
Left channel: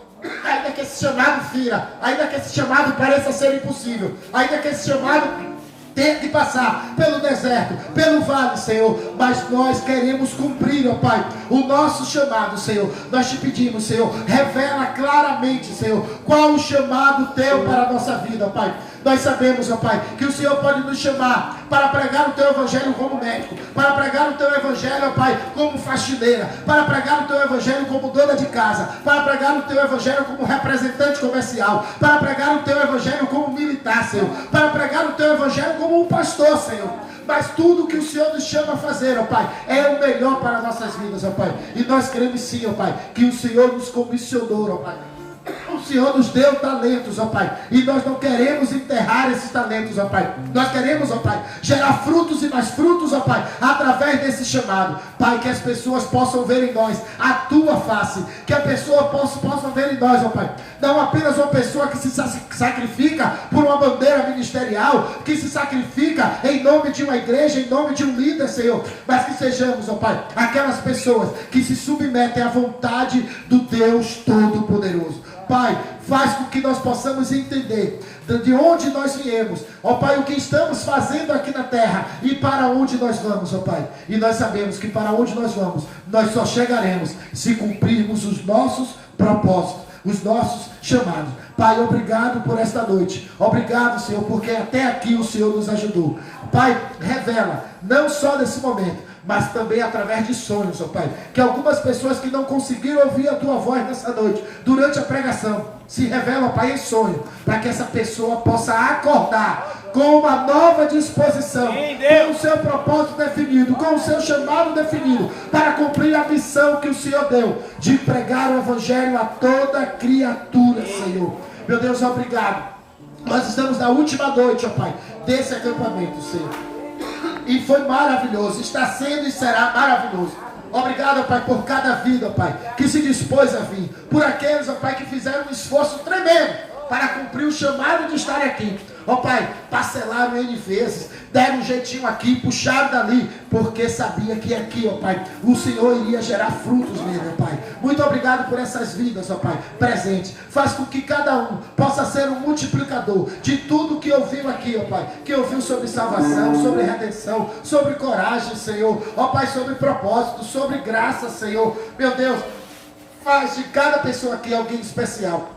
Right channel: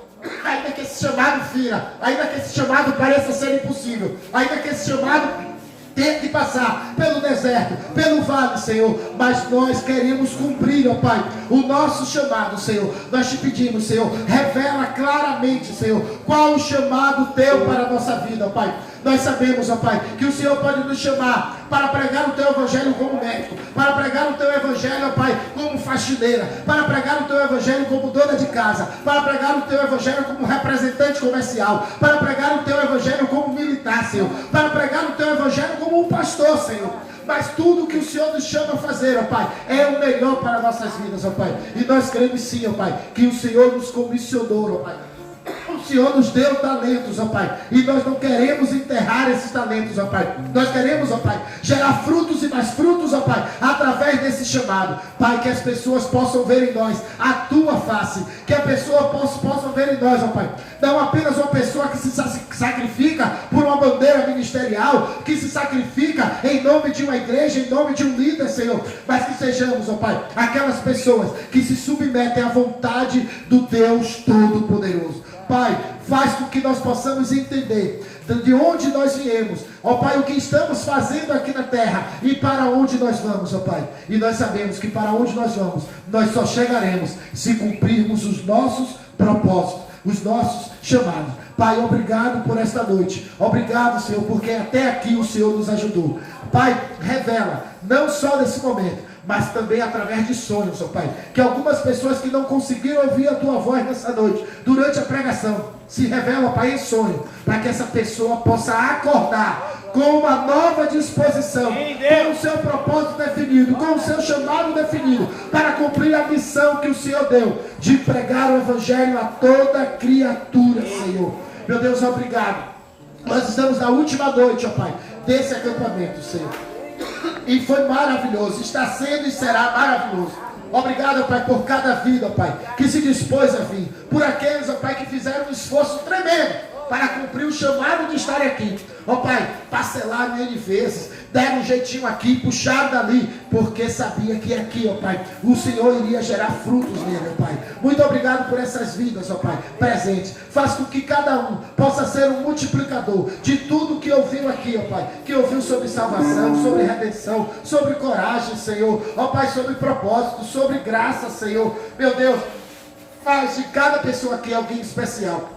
ainda que esse chamado fira, ainda que esse chamado pareça ser impossível, ainda que esse chamado ter que passar pelo deserto, pelo vale, Senhor, mas nós queremos cumprir, ó Pai, o nosso chamado, Senhor. Nós te pedimos, Senhor, revela claramente, Senhor, qual o chamado teu para a nossa vida, ó Pai. Nós sabemos, ó Pai, que o Senhor pode nos chamar para pregar o teu evangelho como médico, para pregar o teu evangelho, ó Pai, como faxineira, para pregar o teu evangelho como dona de casa, para pregar o teu evangelho como representante comercial, para pregar o teu evangelho como militar, Senhor, para pregar o teu evangelho como um pastor, Senhor. Mas tudo que o Senhor nos chama a fazer, ó Pai, é o melhor para nossas vidas, ó Pai. E nós queremos sim, ó Pai, que o Senhor nos comissionou, ó Pai. O Senhor nos deu talentos, ó Pai, e nós não queremos enterrar esses talentos, ó Pai. Nós queremos, ó Pai, gerar frutos e mais frutos, ó Pai, através desse chamado. Pai, que as pessoas possam ver em nós a tua face, que a pessoa possa ver em nós, ó Pai, não apenas uma pessoa que se sacrifica por uma bandeira ministerial, que se sacrifica em nome de uma igreja, em nome de um líder, Senhor, mas que sejamos, ó Pai, aquelas pessoas que se submetem à vontade do Deus Todo-Poderoso. Pai, faz com que nós possamos entender de onde nós viemos, ó Pai, o que estamos fazendo aqui na terra e para onde nós vamos, ó Pai. E nós sabemos que para onde nós vamos, nós só chegaremos se cumprirmos os nossos propósitos, os nossos chamados. Pai, obrigado por esta noite. Obrigado, Senhor, porque até aqui o Senhor nos ajudou. Pai, revela, não só nesse momento, mas também através de sonhos, ó Pai, que algumas pessoas que não conseguiram ouvir a tua voz nessa noite, durante a pregação, se revela, ó Pai, em sonho, para que essa pessoa possa acordar com uma nova disposição, com o seu propósito definido, com o seu chamado definido, para cumprir a missão que o Senhor deu, de pregar o Evangelho a toda criatura, Senhor. Meu Deus, obrigado. Nós estamos na última noite, ó Pai, desse acampamento, Senhor. E foi maravilhoso, está sendo e será maravilhoso. Obrigado, Pai, por cada vida, Pai, que se dispôs a vir. Por aqueles, ó Pai, que fizeram um esforço tremendo para cumprir o chamado de estar aqui. Ó Pai, parcelaram N vezes, deram um jeitinho aqui, puxaram dali, porque sabia que aqui, ó Pai, o Senhor iria gerar frutos nele, ó Pai. Muito obrigado por essas vidas, ó Pai, presentes. Faz com que cada um possa ser um multiplicador de tudo que ouviu aqui, ó Pai, que ouviu sobre salvação, sobre redenção, sobre coragem, Senhor, ó Pai, sobre propósito, sobre graça, Senhor. Meu Deus, faz de cada pessoa aqui alguém especial,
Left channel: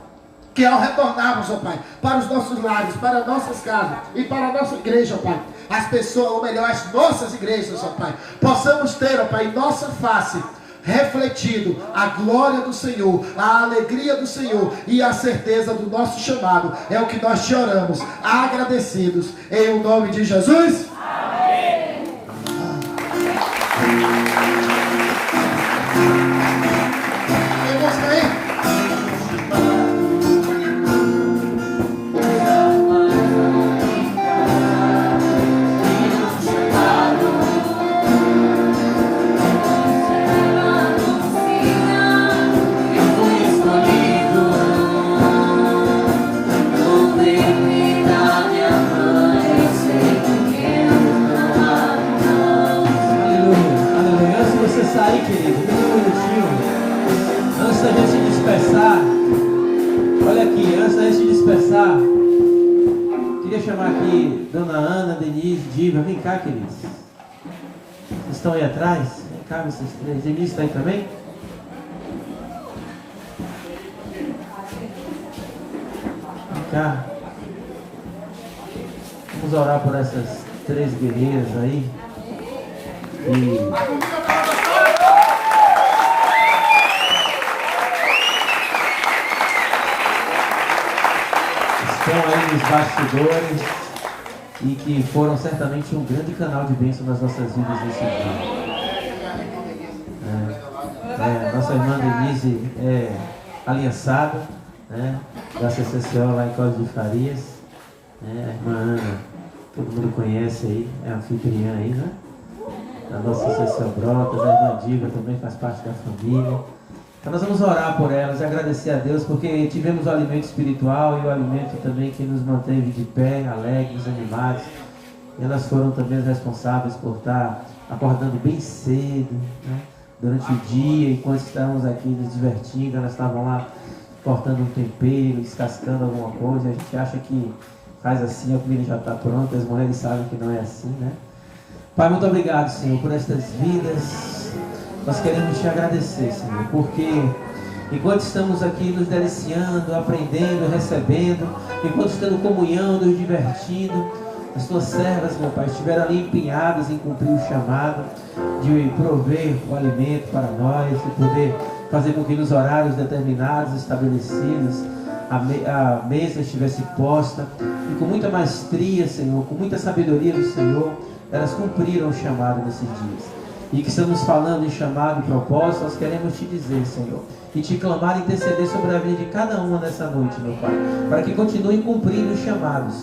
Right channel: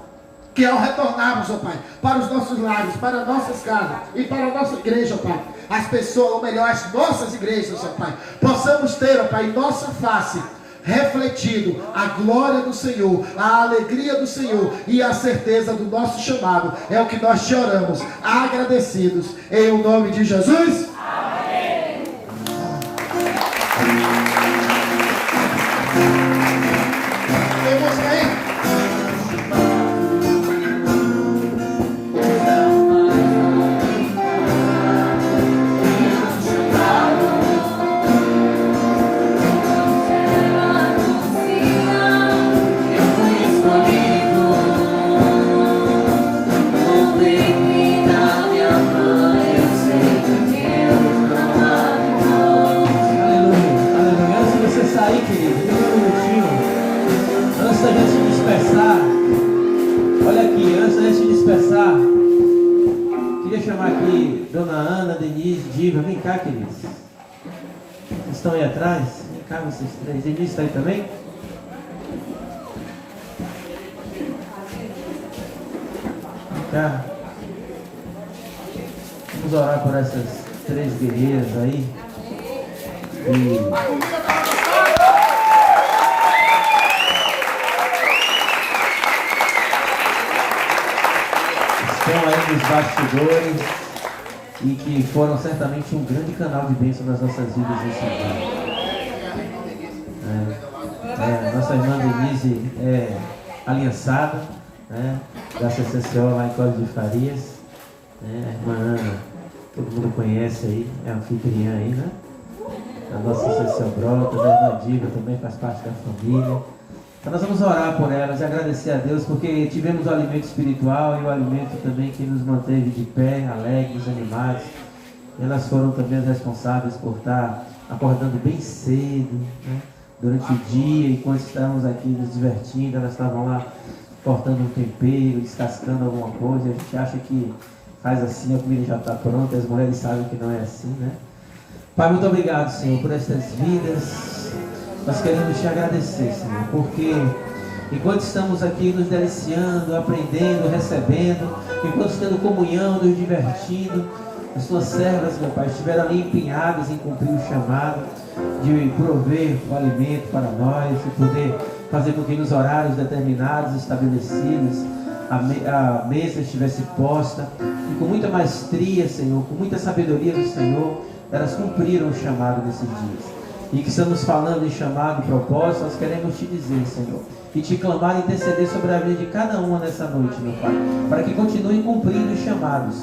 que ao retornarmos, ó Pai, para os nossos lares, para nossas casas e para a nossa igreja, ó Pai, as pessoas, ou melhor, as nossas igrejas, ó Pai, possamos ter, ó Pai, em nossa face refletido a glória do Senhor, a alegria do Senhor e a certeza do nosso chamado. É o que nós te oramos, agradecidos, em o nome de Jesus. Amém. Vamos aí. Queria chamar aqui Dona Ana, Denise, Diva, vem cá, queridos. Vocês estão aí atrás? Vem cá, vocês três. Denise está aí também? Vem cá. Vamos orar por essas três guerreiras aí. Estão aí nos bastidores e que foram certamente um grande canal de bênção nas nossas vidas nesse dia. Nossa irmã Denise é aliançada, da CCCO lá em Código de Farias. Irmã Ana, todo mundo conhece aí, é anfitriã aí, né? A nossa CCCO Brotas, a irmã Diva também faz parte da família. Então nós vamos orar por elas e agradecer a Deus, porque tivemos o alimento espiritual e o alimento também que nos manteve de pé, alegres, animados. E elas foram também as responsáveis por estar acordando bem cedo, né? Durante o dia, enquanto estávamos aqui nos divertindo, elas estavam lá cortando um tempero, descascando alguma coisa. A gente acha que faz assim, a comida já está pronta, as mulheres sabem que não é assim, né? Pai, muito obrigado, Senhor, por estas vidas. Nós queremos te agradecer, Senhor, porque enquanto estamos aqui nos deliciando, aprendendo, recebendo, enquanto estamos comunhão, nos divertindo, as tuas servas, meu Pai, estiveram ali empenhadas em cumprir o chamado de prover o alimento para nós, de poder fazer com que nos horários determinados, estabelecidos, a mesa estivesse posta, e com muita maestria, Senhor, com muita sabedoria do Senhor, elas cumpriram o chamado nesses dias. E que estamos falando em chamado, propósito, nós queremos te dizer, Senhor, e te clamar e interceder sobre a vida de cada uma nessa noite, meu Pai, para que continuem cumprindo os chamados,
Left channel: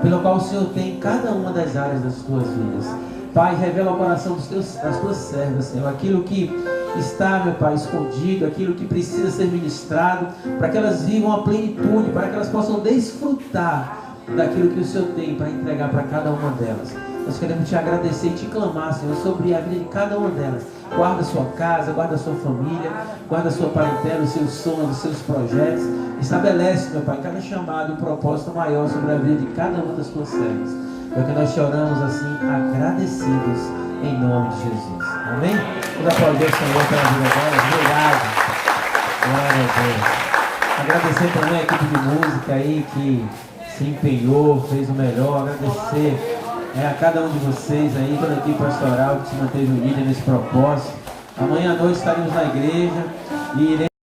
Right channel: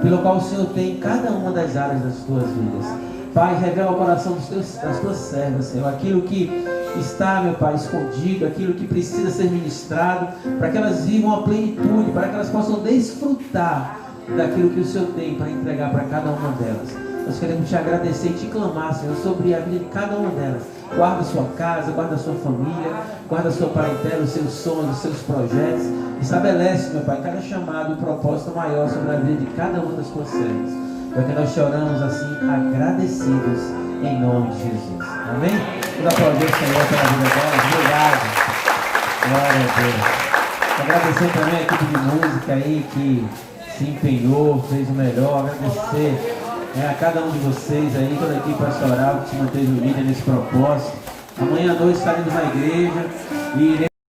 pelo qual o Senhor tem em cada uma das áreas das tuas vidas. Pai, revela o coração das tuas servas, Senhor, aquilo que está, meu Pai, escondido, aquilo que precisa ser ministrado, para que elas vivam a plenitude, para que elas possam desfrutar daquilo que o Senhor tem para entregar para cada uma delas. Nós queremos te agradecer e te clamar, Senhor, sobre a vida de cada uma delas. Guarda a sua casa, guarda a sua família, guarda a sua parentela, os seus sonhos, os seus projetos. Estabelece, meu Pai, cada chamado e propósito maior sobre a vida de cada uma das tuas servas. É o que nós choramos assim, agradecidos, em nome de Jesus. Amém? Vamos aplaudir o Senhor pela vida delas. Obrigado. Glória a Deus. Agradecer também a equipe de música aí que se empenhou, fez o melhor. Agradecer a cada um de vocês aí, toda a equipe pastoral que se manteve unida nesse propósito. Amanhã à noite estaremos na igreja e iremos